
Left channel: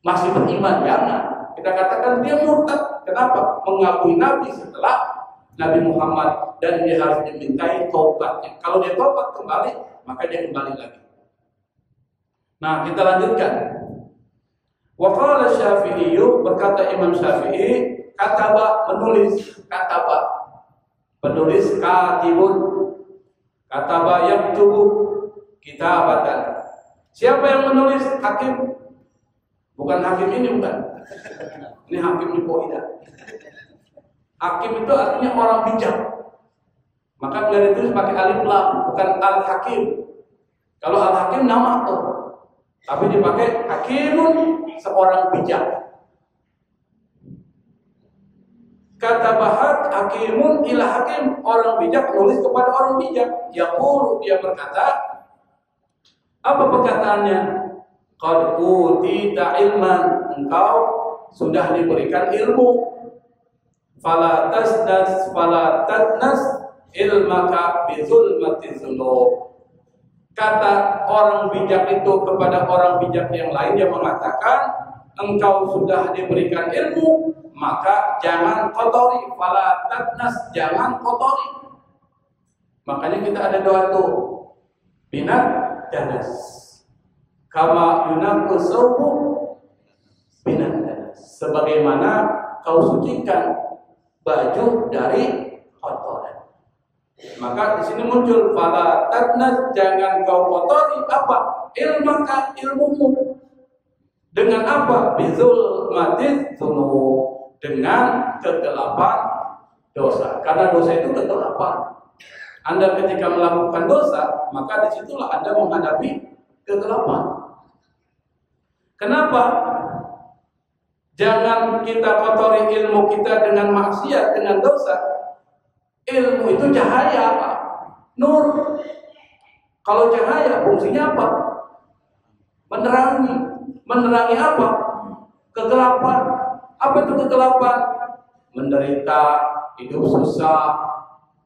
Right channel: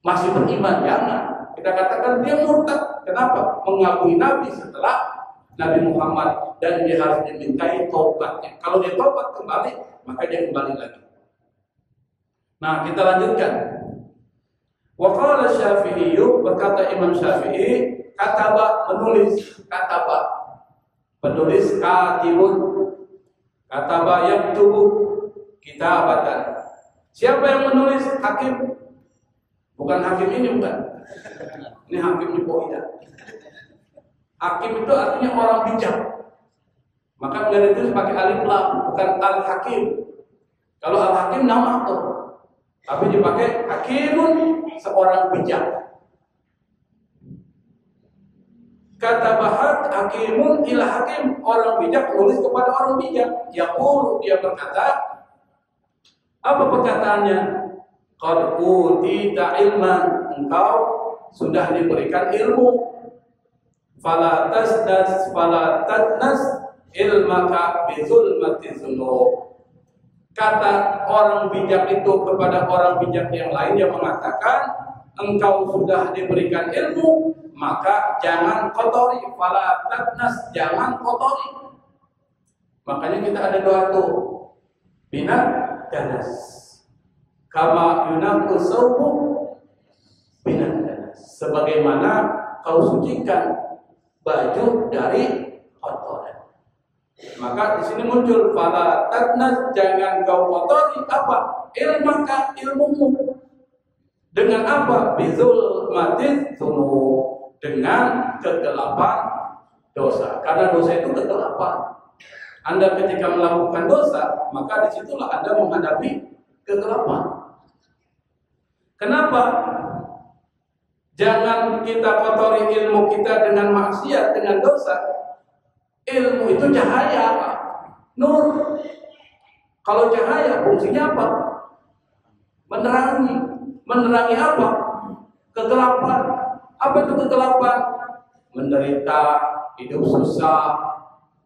masih beriman, jangan. Kita katakan dia murtad. Kenapa? Mengakui Nabi setelah Nabi Muhammad dan dia harus dimintai tobatnya. Kalau dia tobat kembali, maka dia kembali lagi. Nah, kita lanjutkan. Wa qala Syafi'i, berkata Imam Syafi'i, kataba menulis, kataba penulis, katibun, kataba yaktubu kitabatan. Siapa yang menulis? Hakim. Bukan hakim ini, bukan. Ini hakim di Poida. Hakim itu artinya orang bijak. Maka biar itu pakai alif lam, bukan al-hakim. Kalau al-hakim nama tuh, tapi dipakai hakimun, seorang bijak. Kata bahat hakimun ila hakim, orang bijak menulis kepada orang bijak. Yaqulu, dia berkata, apa perkataannya? Qad utita ilman, engkau sudah diberikan ilmu. Fala tadnas ilmaka bizulmati dzunub. Kata orang bijak itu kepada orang bijak yang lain yang mengatakan, engkau sudah diberikan ilmu, maka jangan kotori. Fala tadnas, jangan kotori. Makanya kita ada doa itu, binat danas, kama yunaqu sawbu binat danas, sebagaimana kau sucikan baju dari kotoran. Maka di sini muncul fala tadnas, jangan kau kotori apa? Ilmaka, ilmumu. Dengan apa? Bizul mati dzunub, dengan kegelapan dosa. Karena dosa itu kegelapan. Anda ketika melakukan dosa, maka disitulah Anda menghadapi kegelapan. Kenapa? Jangan kita kotori ilmu kita dengan maksiat, dengan dosa. Ilmu itu cahaya, Pak. Nur. Kalau cahaya fungsinya apa? Menerangi. Menerangi apa? Kegelapan. Apa itu kegelapan? Menderita, hidup susah,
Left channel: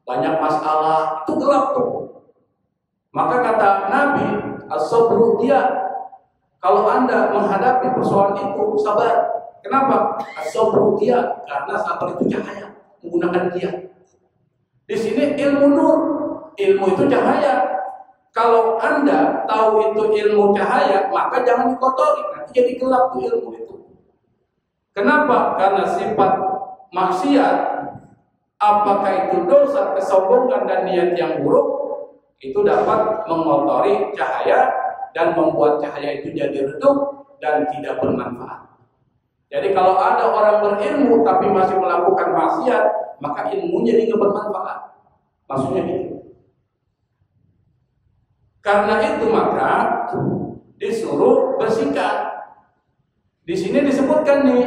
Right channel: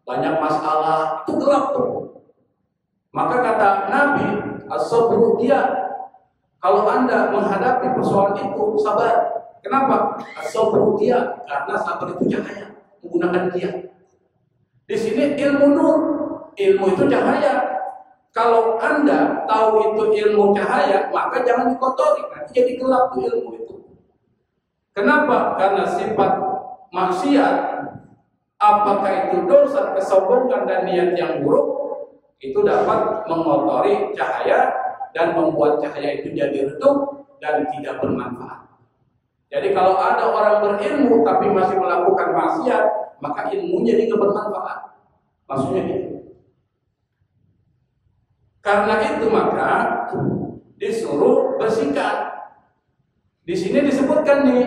banyak masalah, itu gelap tuh. Maka kata Nabi, as-sabru dia, kalau Anda menghadapi persoalan itu, sabar. Kenapa? As-sabru dia, karena sabar itu cahaya, menggunakan dia. Di sini ilmu nur, ilmu itu cahaya. Kalau Anda tahu itu ilmu cahaya, maka jangan dikotori, nanti jadi gelap tuh ilmu itu. Kenapa? Karena sifat maksiat, apakah itu dosa, kesombongan dan niat yang buruk, itu dapat mengotori cahaya dan membuat cahaya itu jadi redup dan tidak bermanfaat. Jadi kalau ada orang berilmu tapi masih melakukan maksiat, maka ilmunya jadi nggak bermanfaat. Maksudnya itu. Karena itu maka disuruh bersihkan. Di sini disebutkan nih,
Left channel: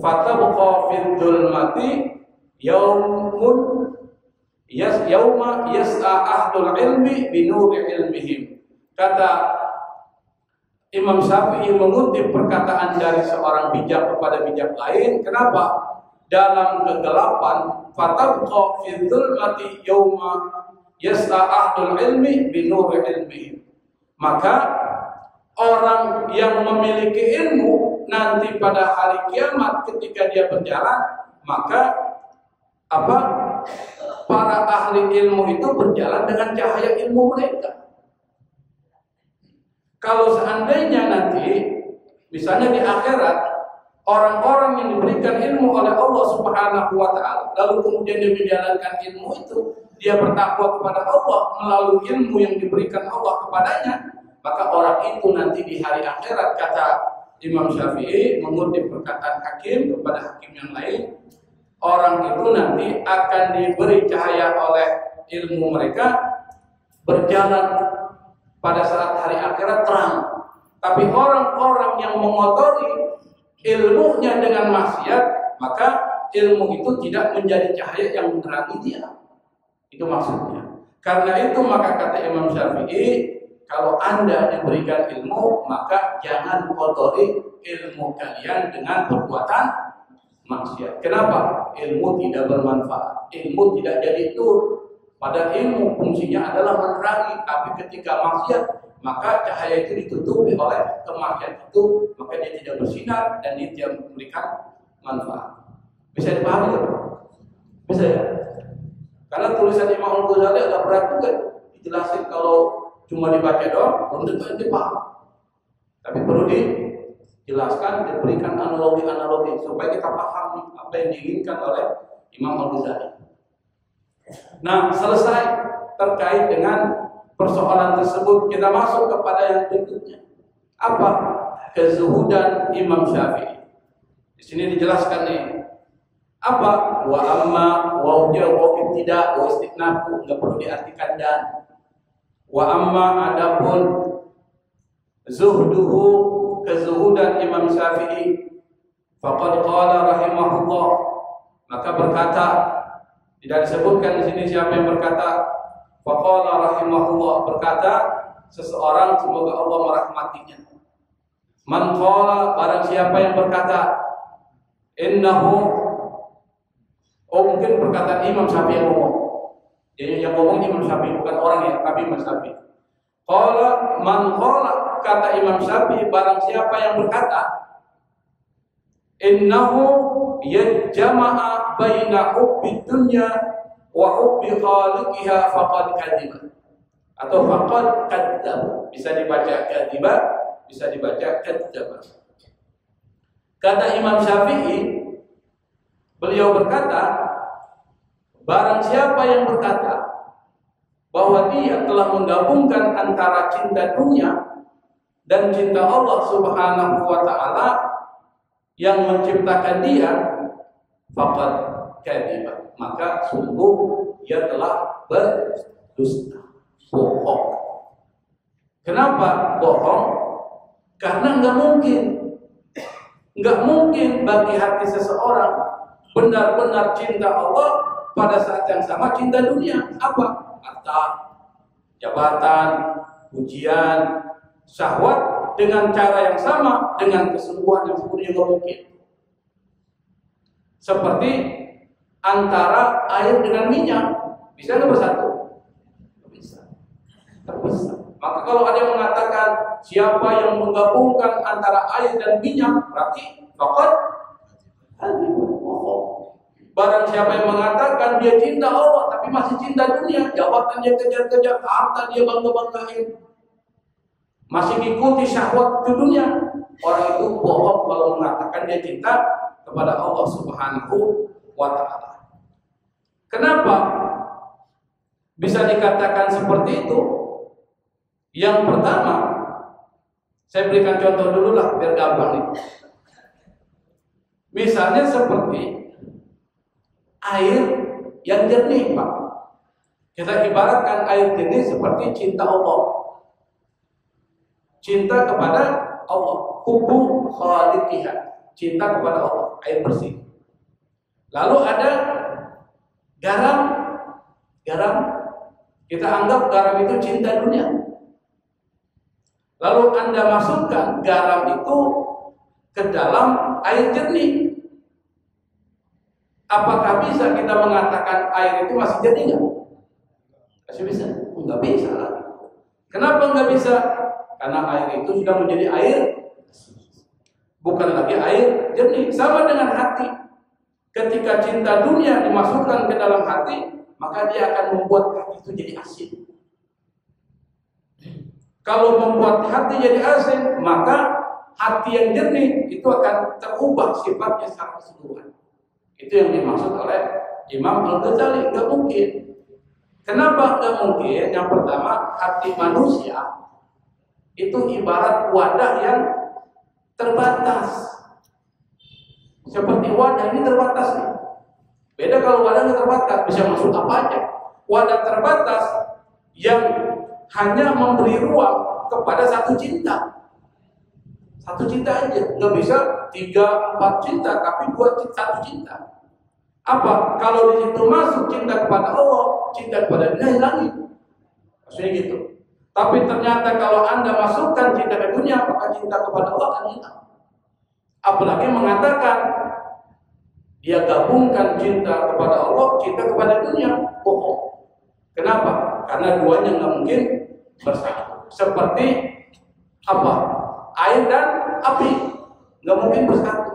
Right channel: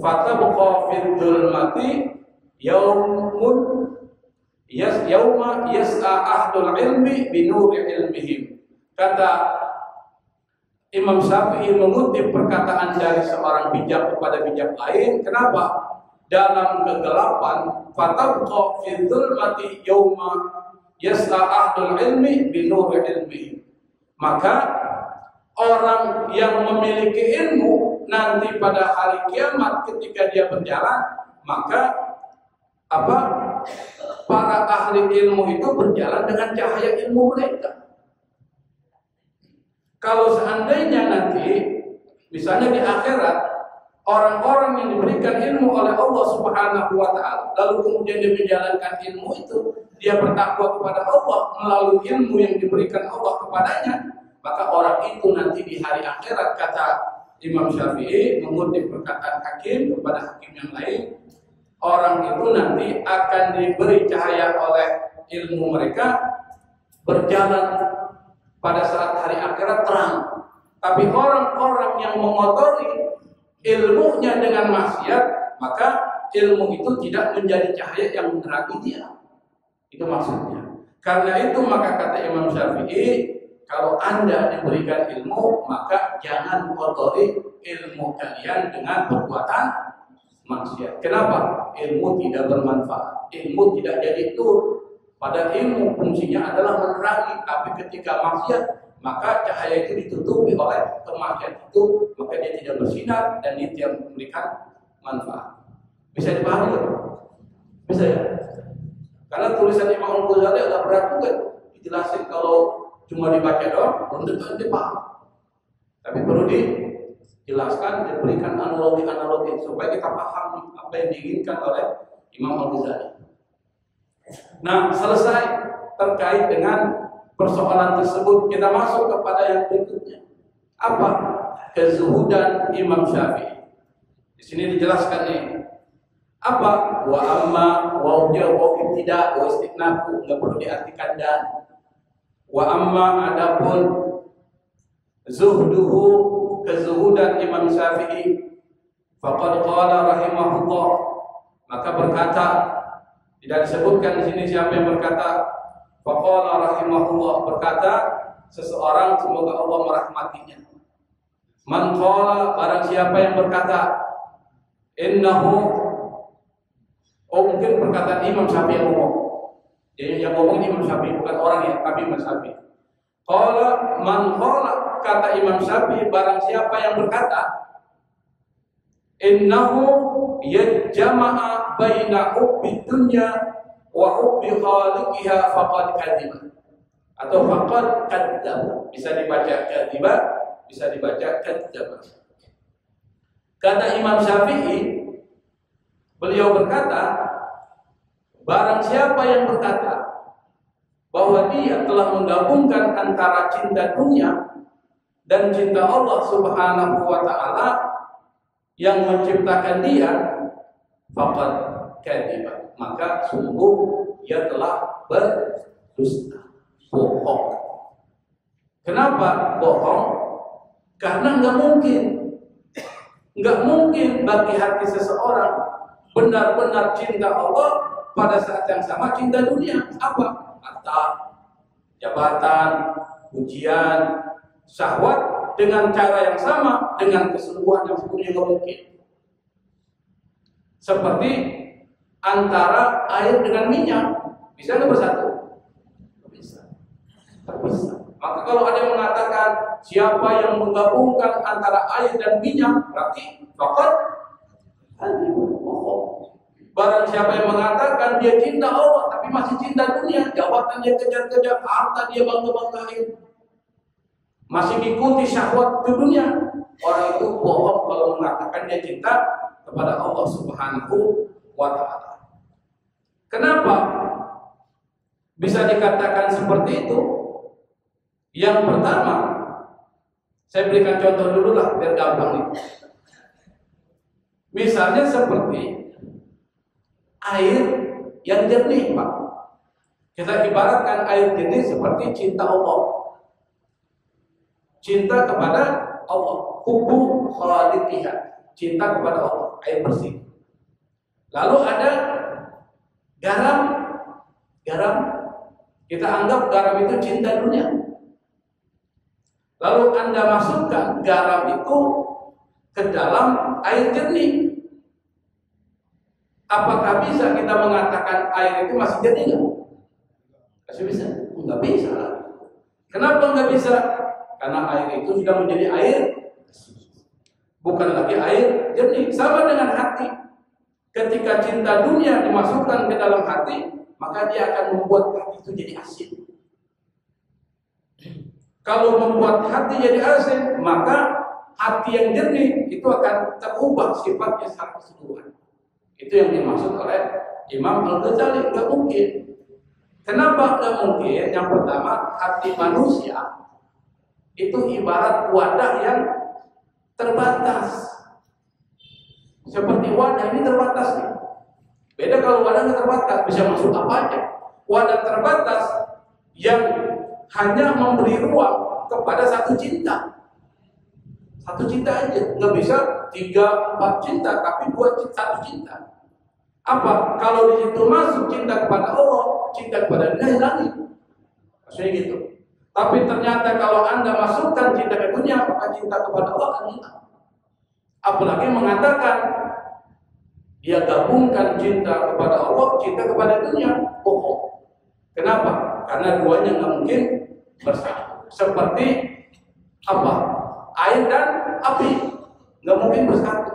fatabqa fid dzulmati yauma yas'a ahlul ilmi binuri ilmihim. Kata Imam Syafi'i mengutip perkataan dari seorang bijak kepada bijak lain. Kenapa? dalam kegelapan, fatabqa fi dzulmati yauma yas'a ahlul ilmi bi nuri ilmi. Maka orang yang memiliki ilmu nanti pada hari kiamat ketika dia berjalan, maka para ahli ilmu itu berjalan dengan cahaya ilmu mereka. Kalau seandainya nanti misalnya di akhirat orang-orang yang diberikan ilmu oleh Allah Subhanahu wa taala, lalu kemudian dia menjalankan ilmu itu, dia bertakwa kepada Allah melalui ilmu yang diberikan Allah kepadanya, maka orang itu nanti di hari akhirat, kata Imam Syafi'i mengutip perkataan hakim kepada hakim yang lain, orang itu nanti akan diberi cahaya oleh ilmu mereka, berjalan pada saat hari akhirat terang. Tapi orang-orang yang mengotori ilmunya dengan maksiat, maka ilmu itu tidak menjadi cahaya yang menerangi dia. Itu maksudnya. Karena itu maka kata Imam Syafi'i, kalau Anda diberikan ilmu, maka jangan kotori ilmu kalian dengan perbuatan maksiat. Kenapa? Ilmu tidak bermanfaat. Ilmu tidak jadi tur. Pada ilmu fungsinya adalah menerangi, tapi ketika maksiat, maka cahaya itu ditutupi oleh kemaksiatan itu, maka dia tidak bersinar dan dia tidak memberikan manfaat. Bisa dipahami kan? Bisa ya? Karena tulisan Imam Al-Ghazali agak berat juga, dijelasin kalau cuma dibaca doang, belum tentu dipaham. Tapi perlu dijelaskan, diberikan analogi-analogi supaya kita paham apa yang diinginkan oleh Imam Al-Ghazali. Nah, selesai terkait dengan persoalan tersebut, kita masuk kepada yang berikutnya. Apa? Kezuhudan Imam Syafi'i. Di sini dijelaskan nih. Apa? Wa amma wa ujja wa ibtida wa istinafu, enggak perlu diartikan dan. Wa amma adapun zuhduhu, kezuhudan Imam Syafi'i, faqad qala rahimahullah, maka berkata, tidak disebutkan di sini siapa yang berkata. Faqala rahimahullah, berkata seseorang, semoga Allah merahmatinya. Man qala, barang siapa yang berkata, innahu, mungkin perkataan Imam Syafi'i yang ngomong. Jadi yang ngomong Imam Syafi'i, bukan orang ya, tapi Imam Syafi'i. Qala man qala, kata Imam Syafi'i, barang siapa yang berkata, innahu yajma'a baina hubbi dunya wa hubbi khaliqiha faqad kadziba, atau faqad kadzdzaba. Bisa dibaca kadziba, bisa dibaca kadzdzaba. Kata Imam Syafi'i, beliau berkata, barang siapa yang berkata bahwa dia telah menggabungkan antara cinta dunia dan cinta Allah Subhanahu wa taala yang menciptakan dia, faqad kadziba, maka sungguh ia telah berdusta, bohong. Kenapa bohong? Karena nggak mungkin bagi hati seseorang benar-benar cinta Allah pada saat yang sama cinta dunia. Apa? Harta, jabatan, pujian, syahwat dengan cara yang sama, dengan kesungguhan yang sepenuhnya nggak mungkin. Seperti antara air dengan minyak, bisa nggak bersatu? Bisa, terpisah. Maka kalau ada yang mengatakan siapa yang menggabungkan antara air dan minyak, berarti faqad bohong. Barang siapa yang mengatakan dia cinta Allah tapi masih cinta dunia, jabatan dia kejar-kejar, harta dia bangga-banggain, masih mengikuti syahwat di dunia, orang itu bohong kalau mengatakan dia cinta kepada Allah Subhanahu wa taala. Kenapa bisa dikatakan seperti itu? Yang pertama, saya berikan contoh dulu lah biar gampang nih. Misalnya seperti air yang jernih, Pak. Kita ibaratkan air jernih seperti cinta Allah. Cinta kepada Allah, hubbu khaliqiha, cinta kepada Allah, air bersih. Lalu ada garam. Kita anggap garam itu cinta dunia. Lalu Anda masukkan garam itu ke dalam air jernih. Apakah bisa kita mengatakan air itu masih jernih nggak? Masih bisa? Nggak bisa lah. Kenapa nggak bisa? Karena air itu sudah menjadi air, bukan lagi air jernih. Sama dengan hati. Ketika cinta dunia dimasukkan ke dalam hati, maka dia akan membuat hati itu jadi asin. Kalau membuat hati jadi asin, maka hati yang jernih itu akan terubah sifatnya secara keseluruhan. Itu yang dimaksud oleh Imam Al-Ghazali. Nggak mungkin. Kenapa nggak mungkin? Yang pertama, hati manusia itu ibarat wadah yang terbatas. Seperti wadah ini terbatas nih. Beda kalau wadahnya terbatas, bisa masuk apa aja. Wadah terbatas yang hanya memberi ruang kepada satu cinta. Satu cinta aja, nggak bisa 3-4 cinta, tapi satu cinta. Apa? Kalau di situ masuk cinta kepada Allah, cinta kepada dunia hilang. Maksudnya gitu. Tapi ternyata kalau Anda masukkan cinta ke dunia, maka cinta kepada Allah akan hilang. Apalagi mengatakan dia gabungkan cinta kepada Allah, cinta kepada dunia. Bohong. Kenapa? Karena duanya nggak mungkin bersatu. Seperti apa? Air dan api nggak mungkin bersatu.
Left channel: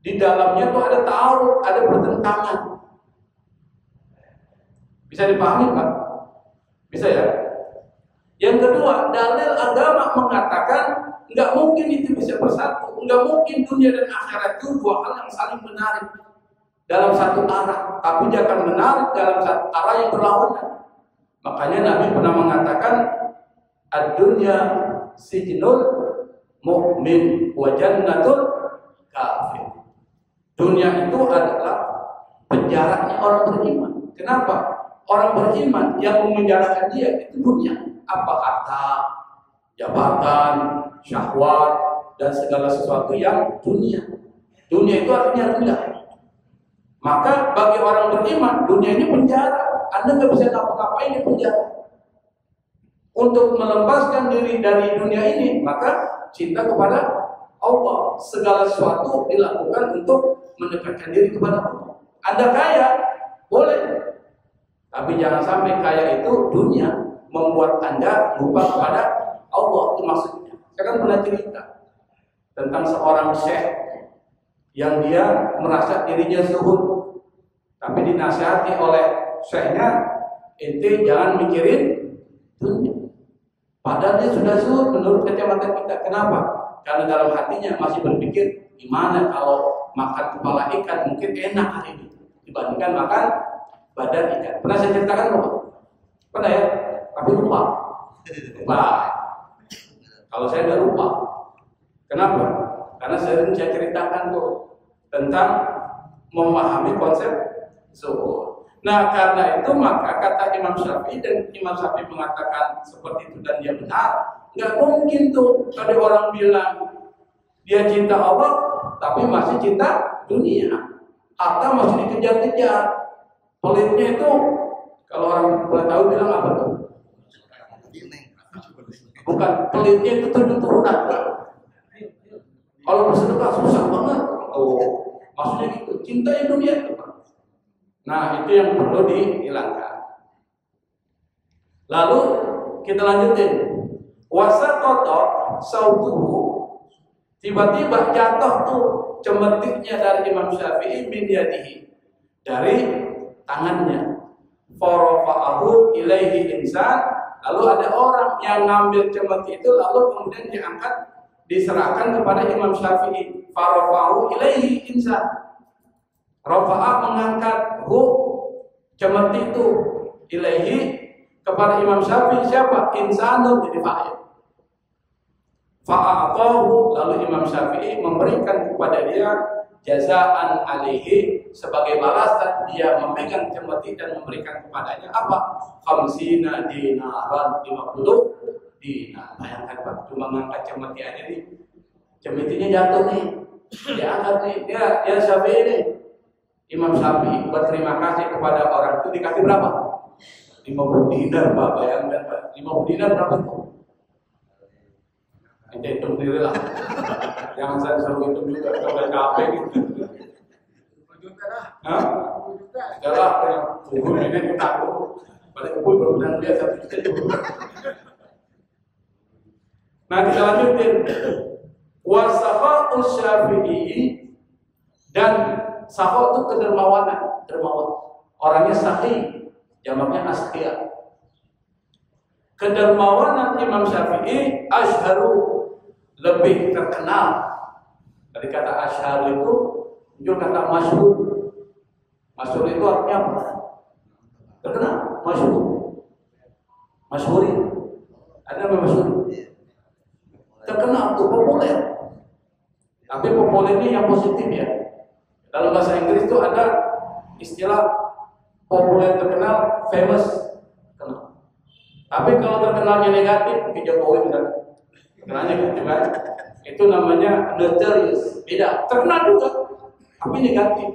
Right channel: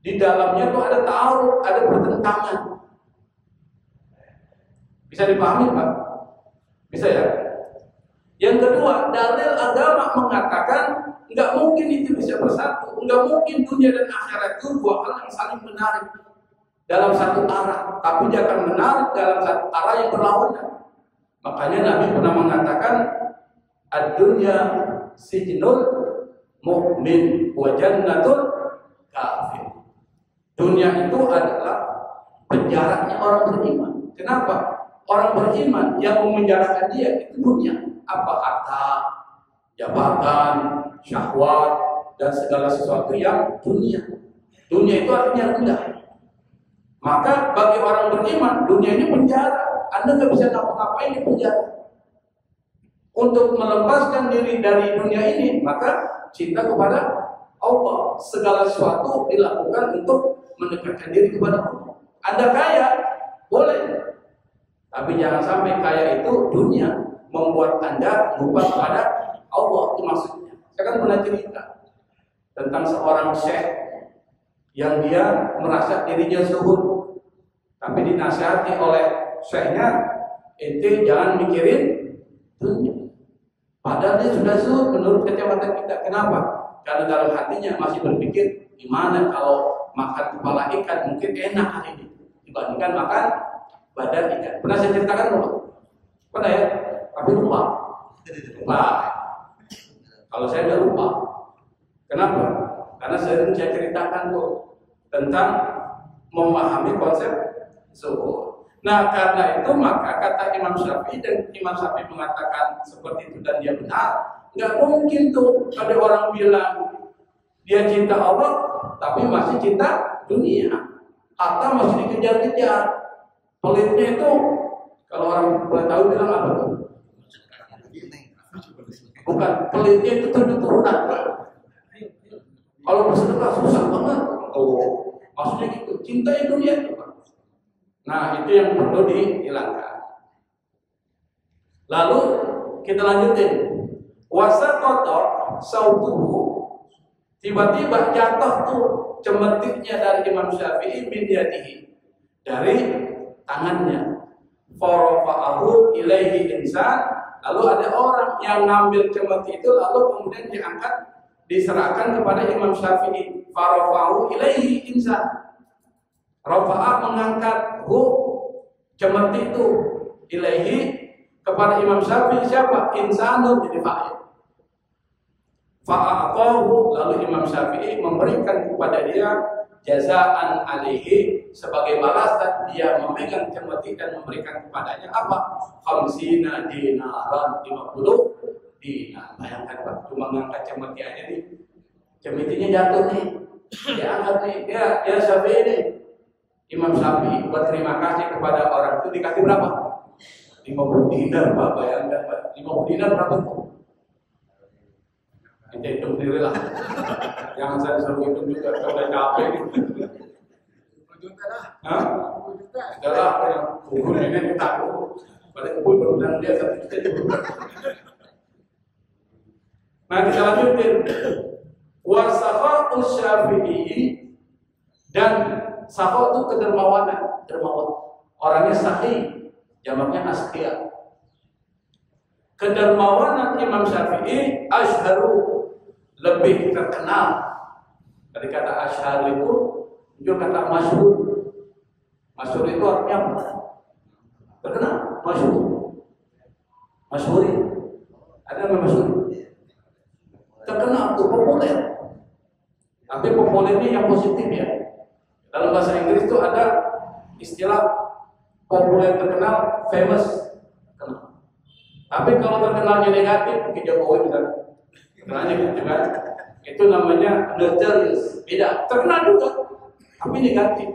Di dalamnya tuh ada ta'arud, ada pertentangan. Bisa dipahami Pak? Bisa ya? Yang kedua, dalil agama mengatakan nggak mungkin itu bisa bersatu. Nggak mungkin dunia dan akhirat itu dua hal yang saling menarik dalam satu arah, tapi dia akan menarik dalam satu arah yang berlawanan. Makanya Nabi pernah mengatakan, ad-dunya sijnul mu'min wa jannatul kafir. Dunia itu adalah penjaranya orang beriman. Kenapa? Orang beriman yang memenjarakan dia itu dunia. Apa? Harta, jabatan, syahwat, dan segala sesuatu yang dunia. Dunia itu artinya rendah. Maka bagi orang beriman, dunia ini penjara. Anda nggak bisa ngapa-ngapain di penjara. Untuk melepaskan diri dari dunia ini, maka cinta kepada Allah. Segala sesuatu dilakukan untuk mendekatkan diri kepada Allah. Anda kaya, boleh. Tapi jangan sampai kaya itu dunia membuat Anda lupa kepada Allah. Itu maksudnya. Saya kan pernah cerita tentang seorang syekh yang dia merasa dirinya zuhud, tapi dinasihati oleh syekhnya, ente jangan mikirin dunia. Padahal dia sudah zuhud menurut kacamata kita. Kenapa? Karena dalam hatinya masih berpikir, gimana kalau makan kepala ikan mungkin enak hari ini dibandingkan makan badan ikan. Pernah saya ceritakan belum? Pernah ya? Tapi lupa. Kalau saya nggak lupa. Kenapa? Karena sering saya ceritakan tuh tentang memahami konsep zuhud. Nah, karena itu maka kata Imam Syafi'i, dan Imam Syafi'i mengatakan seperti itu dan dia benar. Nggak mungkin tuh ada orang bilang dia cinta Allah tapi masih cinta dunia, atau masih dikejar-kejar. Pelitnya itu kalau orang tahu bilang apa tuh? Bukan, pelitnya itu turunan. Kalau bersedekah susah banget. Oh, maksudnya gitu. Cintai dunia itu. Nah, itu yang perlu dihilangkan. Lalu kita lanjutin. Wasaqata sautuhu. Tiba-tiba jatuh tuh cemetiknya dari Imam Syafi'i min yadihi, dari tangannya. Farafa'ahu ilaihi insan. Lalu ada orang yang ngambil cemetik itu, lalu kemudian diangkat, diserahkan kepada Imam Syafi'i. Farafa'ahu ilaihi insan. Rafa'ah mengangkat cemetik itu ilaihi kepada Imam Syafi'i. Siapa? Insanun, jadi fa'il. Fa'atahu, lalu Imam Syafi'i memberikan kepada dia jazaan alaihi, sebagai balasan dia memegang cemetik dan memberikan kepadanya apa? 50 dinaran, 50 dinar. Bayangkan Pak, cuma ngangkat cemetik aja nih, cemetiknya jatuh nih, dia angkat nih, ya Syafi'i nih. Imam Syafi'i buat terima kasih kepada orang itu dikasih berapa? 50 dinar Pak, bayangkan Pak, 50 dinar berapa tuh? Hitung diri lah. Jangan saya suruh hitung juga, sudah capek gitu. Hah? Adalah kubur ini tahu. Pada kubur berbenang dia 1 juta. Nah kita lanjutin. Wasafa'u Syafi'i, dan safa itu kedermawanan, dermawan. Orangnya sahih, jamaknya asqiya. Kedermawanan Imam Syafi'i asyharu, lebih terkenal. Dari kata asyhar itu muncul kata masyhur. Masyhur itu artinya apa? Terkenal, masyhur. Masyhuri. Ada yang masyhur? Terkenal tuh, populer. Tapi populernya yang positif ya. Dalam bahasa Inggris itu ada istilah populer terkenal, famous terkenal. Tapi kalau terkenalnya negatif, ke Jokowi misalnya, terkenalnya gitu kan, itu namanya notorious. Beda, terkenal juga, tapi negatif.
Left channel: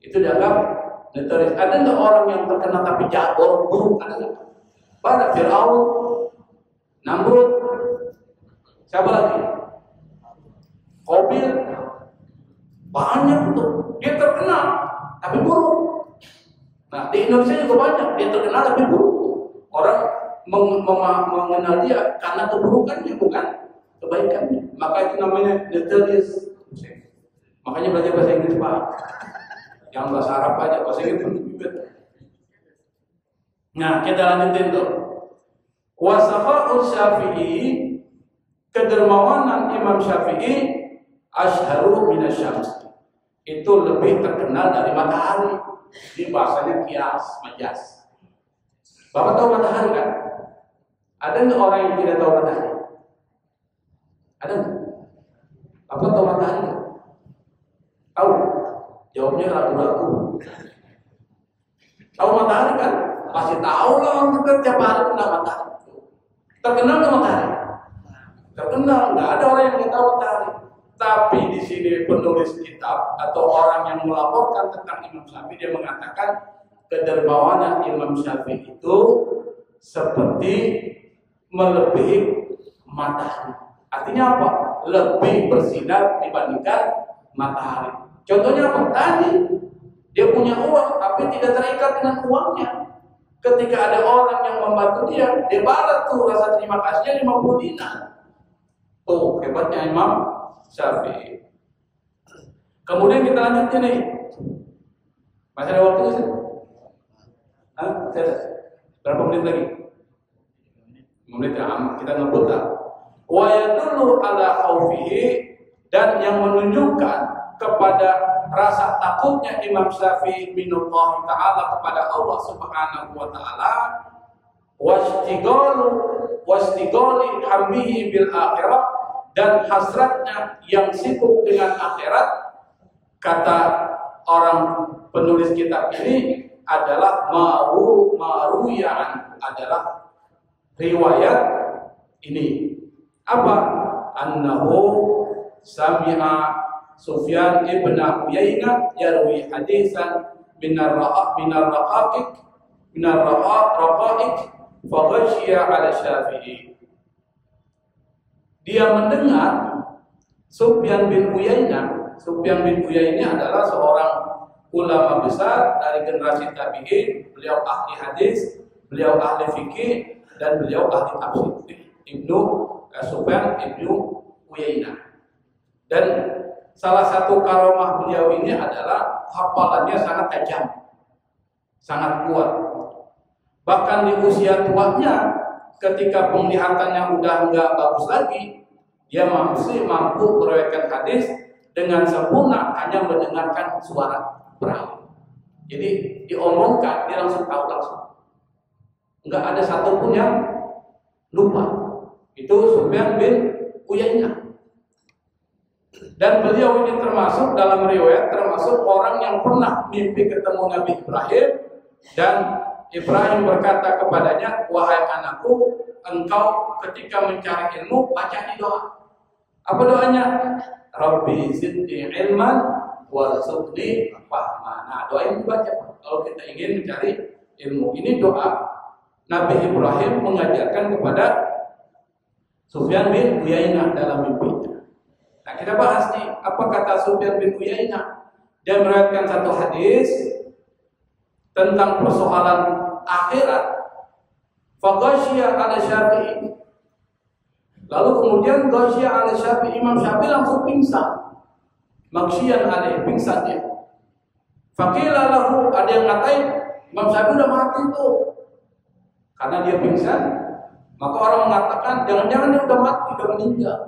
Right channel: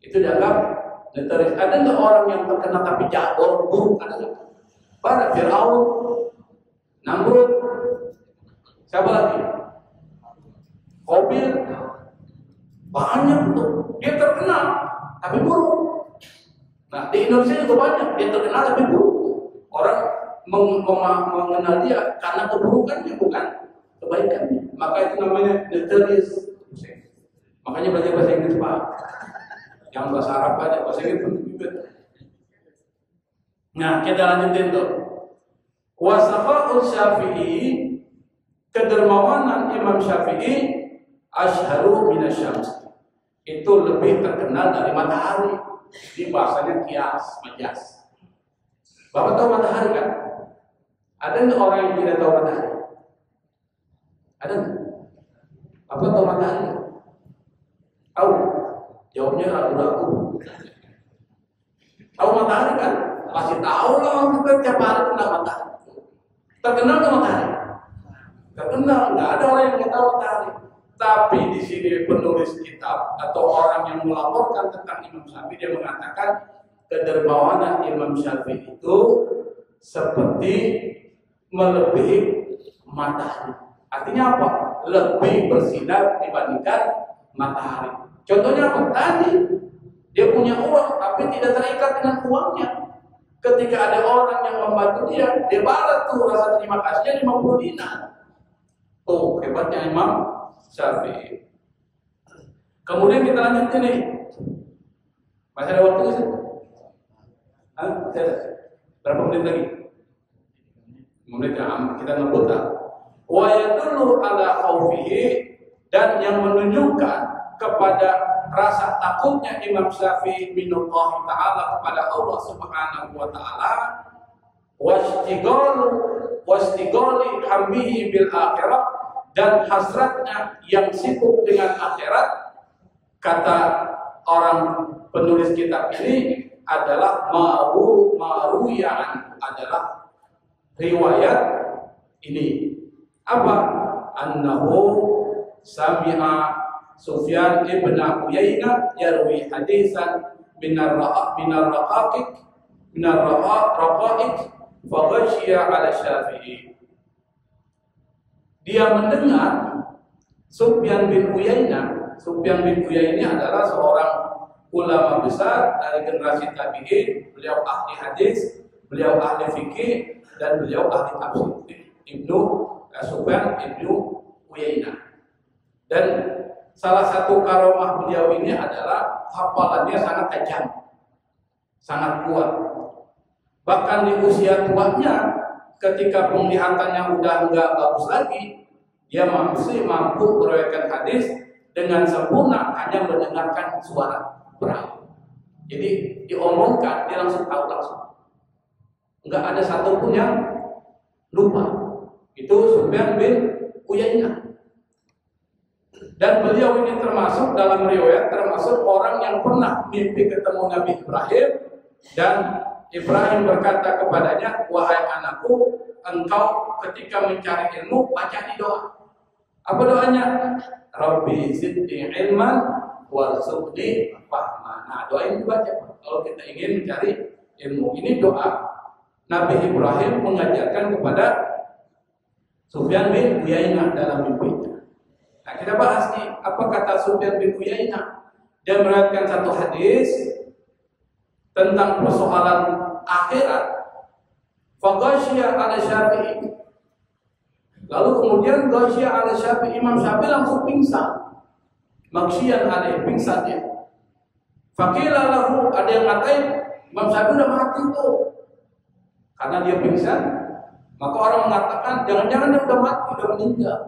Itu dianggap notorious. Ada nggak orang yang terkenal tapi jahat, buruk? Ada nggak? Banyak. Fir'aun, Namrud, siapa lagi? Qabil, banyak tuh. Dia terkenal tapi buruk. Nah di Indonesia juga banyak dia terkenal tapi buruk. Orang mengenal dia karena keburukannya, bukan kebaikannya. Maka itu namanya notorious. Makanya belajar bahasa Inggris Pak. Yang bahasa Arab aja, bahasa Inggris penting juga. Nah kita lanjutin tuh. Wasafa'u Syafi'i, kedermawanan Imam Syafi'i asyharu minasyams, itu lebih terkenal dari matahari. Di bahasanya kias, majas. Bapak tahu matahari kan? Ada nggak orang yang tidak tahu matahari? Ada nggak? Bapak tahu matahari nggak? Tahu? Jawabnya ragu-ragu. Tahu matahari kan? Pasti tahu lah, kita tiap hari kena matahari. Terkenal nggak matahari? Terkenal, nggak ada orang yang tidak tahu matahari. Tapi di sini penulis kitab atau orang yang melaporkan tentang Imam Syafi'i, dia mengatakan kedermawanan Imam Syafi'i itu seperti melebihi matahari. Artinya apa? Lebih bersinar dibandingkan matahari. Contohnya apa? Tadi dia punya uang tapi tidak terikat dengan uangnya. Ketika ada orang yang membantu dia balas tuh rasa terima kasihnya 50 dinar. Oh, hebatnya Imam Syafi'i. Kemudian kita lanjut ini. Masih ada waktu sih? Hah? Masih ada? Berapa menit lagi? 5 menit ya, kita ngebut lah. Wa yadullu ala khaufihi, dan yang menunjukkan kepada rasa takutnya Imam Syafi'i minallah ta'ala, kepada Allah subhanahu wa ta'ala, wastighali hambihi bil akhirah, dan hasratnya yang sibuk dengan akhirat. Kata orang penulis kitab ini adalah maruyan, adalah riwayat ini. Apa? Annahu sami'a Sufyan ibn Uyainah yarwi hadisan minar raqa'iq fa ghashiya ala Syafi'i. Dia mendengar Sufyan bin Uyainah. Sufyan bin Uyainah adalah seorang ulama besar dari generasi tabi'in. Beliau ahli hadis, beliau ahli fikih, dan beliau ahli tafsir. Sufyan ibnu Uyainah. Dan salah satu karomah beliau ini adalah hafalannya sangat tajam, sangat kuat. Bahkan di usia tuanya, ketika penglihatannya udah nggak bagus lagi, dia masih mampu meriwayatkan hadis dengan sempurna hanya mendengarkan suara perawi. Jadi diomongkan dia langsung tahu langsung, nggak ada satupun yang lupa. Itu Sufyan bin Uyainah. Dan beliau ini termasuk dalam riwayat, termasuk orang yang pernah mimpi ketemu Nabi Ibrahim, dan Ibrahim berkata kepadanya, wahai anakku, engkau ketika mencari ilmu baca di doa. Apa doanya? Rabbi zidni ilman warzuqni fahma. Nah, doa ini dibaca kalau kita ingin mencari ilmu. Ini doa Nabi Ibrahim mengajarkan kepada Sufyan bin Uyainah dalam mimpinya. Nah, kita bahas nih, apa kata Sufyan bin Uyainah? Dia meriwayatkan satu hadis tentang persoalan akhirat. Faghasyiya ala Syafi'i. Lalu kemudian ghasyiya ala Syafi'i, Imam Syafi'i langsung pingsan. Maghsyiyan alaih, pingsan dia. Faqila lahu, ada yang ngatain Imam Syafi'i udah mati tuh. Karena dia pingsan, maka orang mengatakan jangan-jangan dia udah mati, udah meninggal.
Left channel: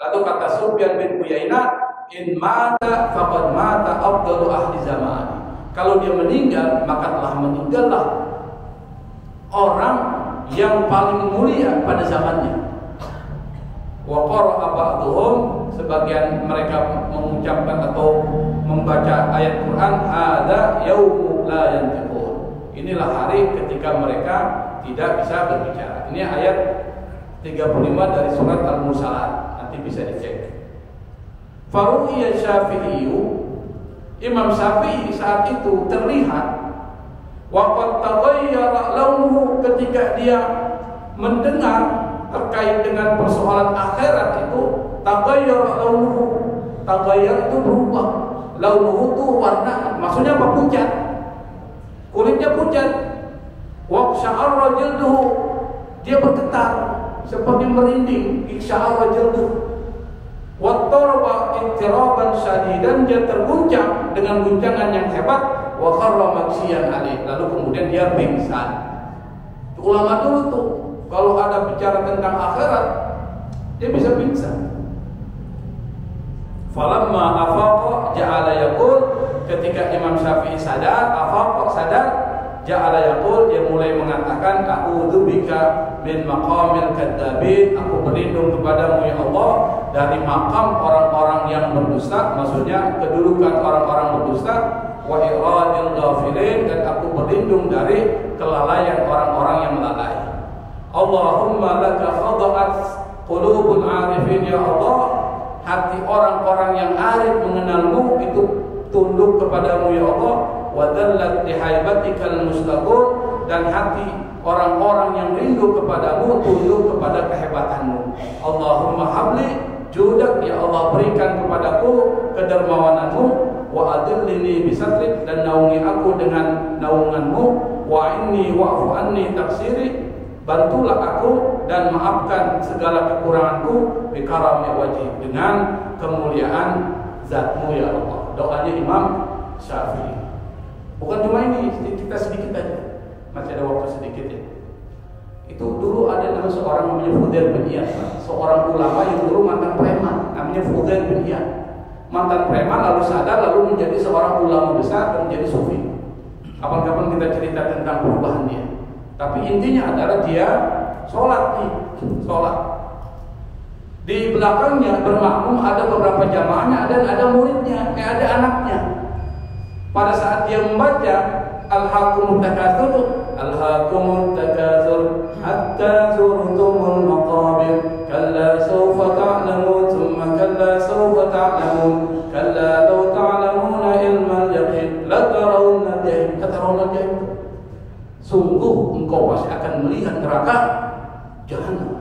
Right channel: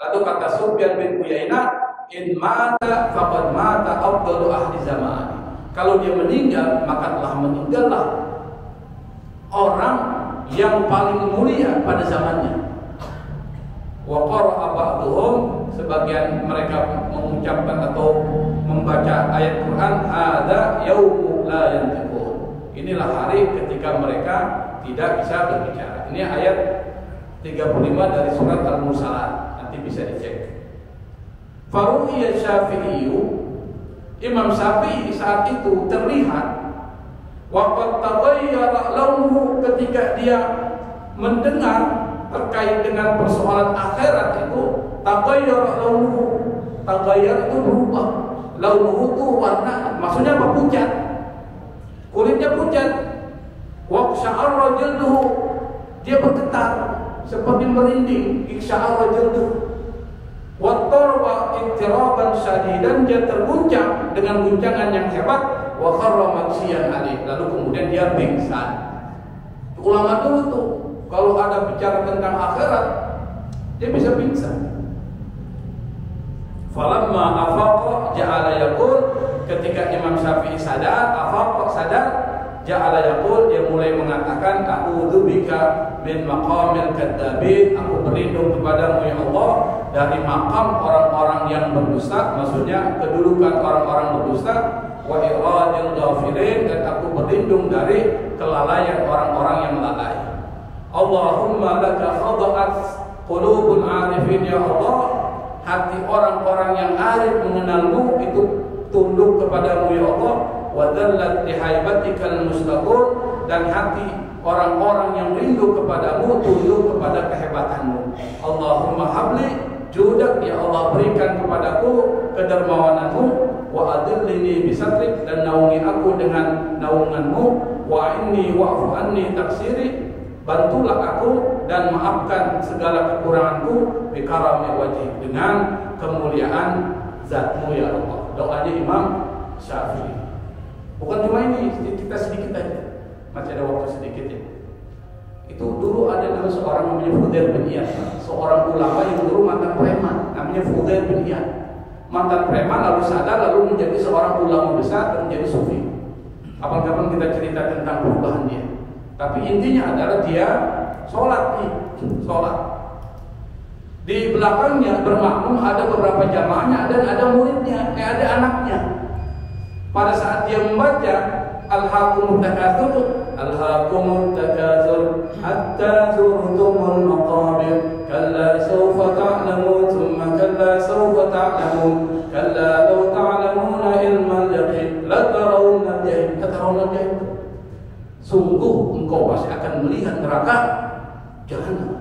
Lalu kata Sufyan bin Uyainah, in mata faqad mata afdalu ahli zamani. Kalau dia meninggal, maka telah meninggallah orang yang paling mulia pada zamannya. Wa qara'a ba'dhum, sebagian mereka mengucapkan atau membaca ayat Quran, hadza yaumu la yantiqun. Inilah hari ketika mereka tidak bisa berbicara. Ini ayat 35 dari surat Al-Mursalat. Nanti bisa dicek. Faru'iyya Syafi'i, Imam Syafi'i saat itu terlihat waqad taghayyara launuhu, ketika dia mendengar terkait dengan persoalan akhirat itu, taghayyara launuhu. Taghayyar itu berubah. Launuhu itu warna, maksudnya apa? Pucat. Kulitnya pucat. Wa sya'ara jilduhu, dia bergetar seperti merinding. Sya'ara jilduhu. Wa tarba ittiraban syadidan, dia terguncang dengan guncangan yang hebat. Wa kharra maghsyiyan alaih, lalu kemudian dia pingsan. Ulama dulu tuh kalau ada bicara tentang akhirat dia bisa pingsan. Falamma afaqa ja'ala yaqul, ketika Imam Syafi'i sadar, afaqa sadar, ja'ala yaqul, dia mulai mengatakan a'udzu bika min maqamil kadzabin, aku berlindung kepadamu ya Allah dari makam orang-orang yang berdusta, maksudnya kedudukan orang-orang berdusta, wa iradil ghafilin, dan aku berlindung dari kelalaian orang-orang yang melalai. Allahumma laka khada'at qulubul arifin, ya Allah, hati orang-orang yang arif mengenalmu itu tunduk kepadamu ya Allah, wa dhallat lihaibatikal mustaqur, dan hati orang-orang yang rindu kepadamu tunduk kepada kehebatanmu. Allahumma habli judak, ya Allah berikan kepadaku kedermawananmu, wa adillini bisatrik, dan naungi aku dengan naunganmu, wa inni wa'fu anni taksiri, bantulah aku dan maafkan segala kekuranganku, bikarami wajhi, dengan kemuliaan zatmu ya Allah. Doanya Imam Syafi'i. Bukan cuma ini, kita sedikit aja, masih ada waktu sedikit ya. Itu dulu ada nama seorang namanya Fudail bin Iyad, seorang ulama yang dulu mantan preman, namanya Fudail bin Iyad. Mantan preman lalu sadar, lalu menjadi seorang ulama besar dan menjadi sufi. Kapan-kapan kita cerita tentang perubahan dia. Tapi intinya adalah dia sholat nih, sholat. Di belakangnya bermakmum ada beberapa jamaahnya dan ada muridnya, ada anaknya. Pada saat dia membaca Al-Hakumut Takatsur, Al-Hakumut Takatsur hatta zurtumul maqabir, kalla sawfa ta'lamun, thumma kalla sawfa ta'lamun, kalla law ta'lamuna ilmal yaqin la tarawna jahim, tarawna jahim. Sungguh engkau pasti akan melihat neraka jahanam.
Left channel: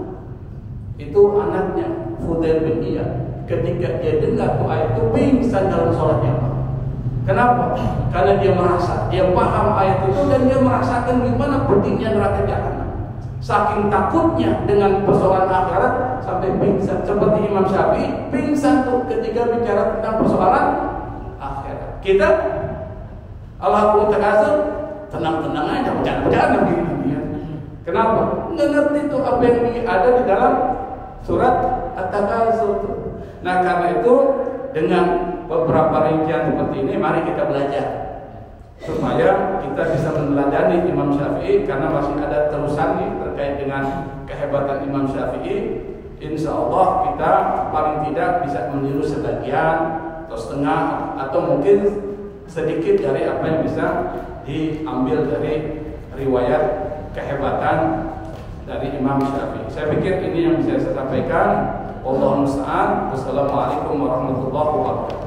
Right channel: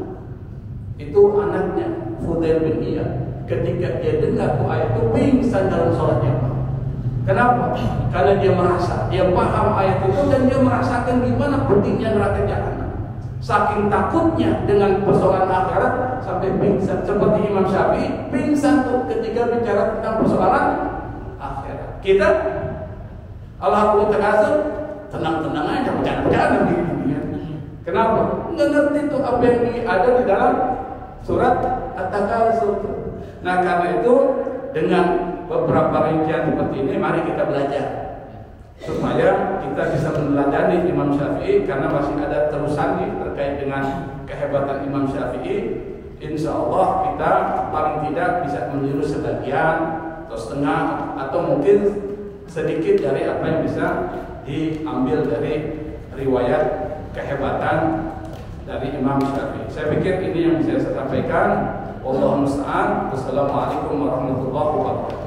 Itu anaknya Fudail bin Iyad. Ketika dia dengar ayat itu pingsan dalam sholatnya. Kenapa? Karena dia merasa, dia paham ayat itu dan dia merasakan gimana pedihnya neraka jahanam. Saking takutnya dengan persoalan akhirat sampai pingsan. Seperti Imam Syafi'i pingsan tuh ketika bicara tentang persoalan akhirat. Kita Al-Hakumut Takatsur tenang-tenang aja, bercanda-bercanda begini ya. Kenapa? Nggak ngerti tuh apa yang ada di dalam surat At-Takatsur. Nah karena itu dengan beberapa rincian seperti ini, mari kita belajar supaya kita bisa meneladani Imam Syafi'i, karena masih ada terusan nih terkait dengan kehebatan Imam Syafi'i. Insya Allah kita paling tidak bisa meniru sebagian atau setengah atau mungkin sedikit dari apa yang bisa diambil dari riwayat kehebatan dari Imam Syafi'i. Saya pikir ini yang bisa saya sampaikan. Wallahu musta'an. Wassalamualaikum warahmatullahi wabarakatuh.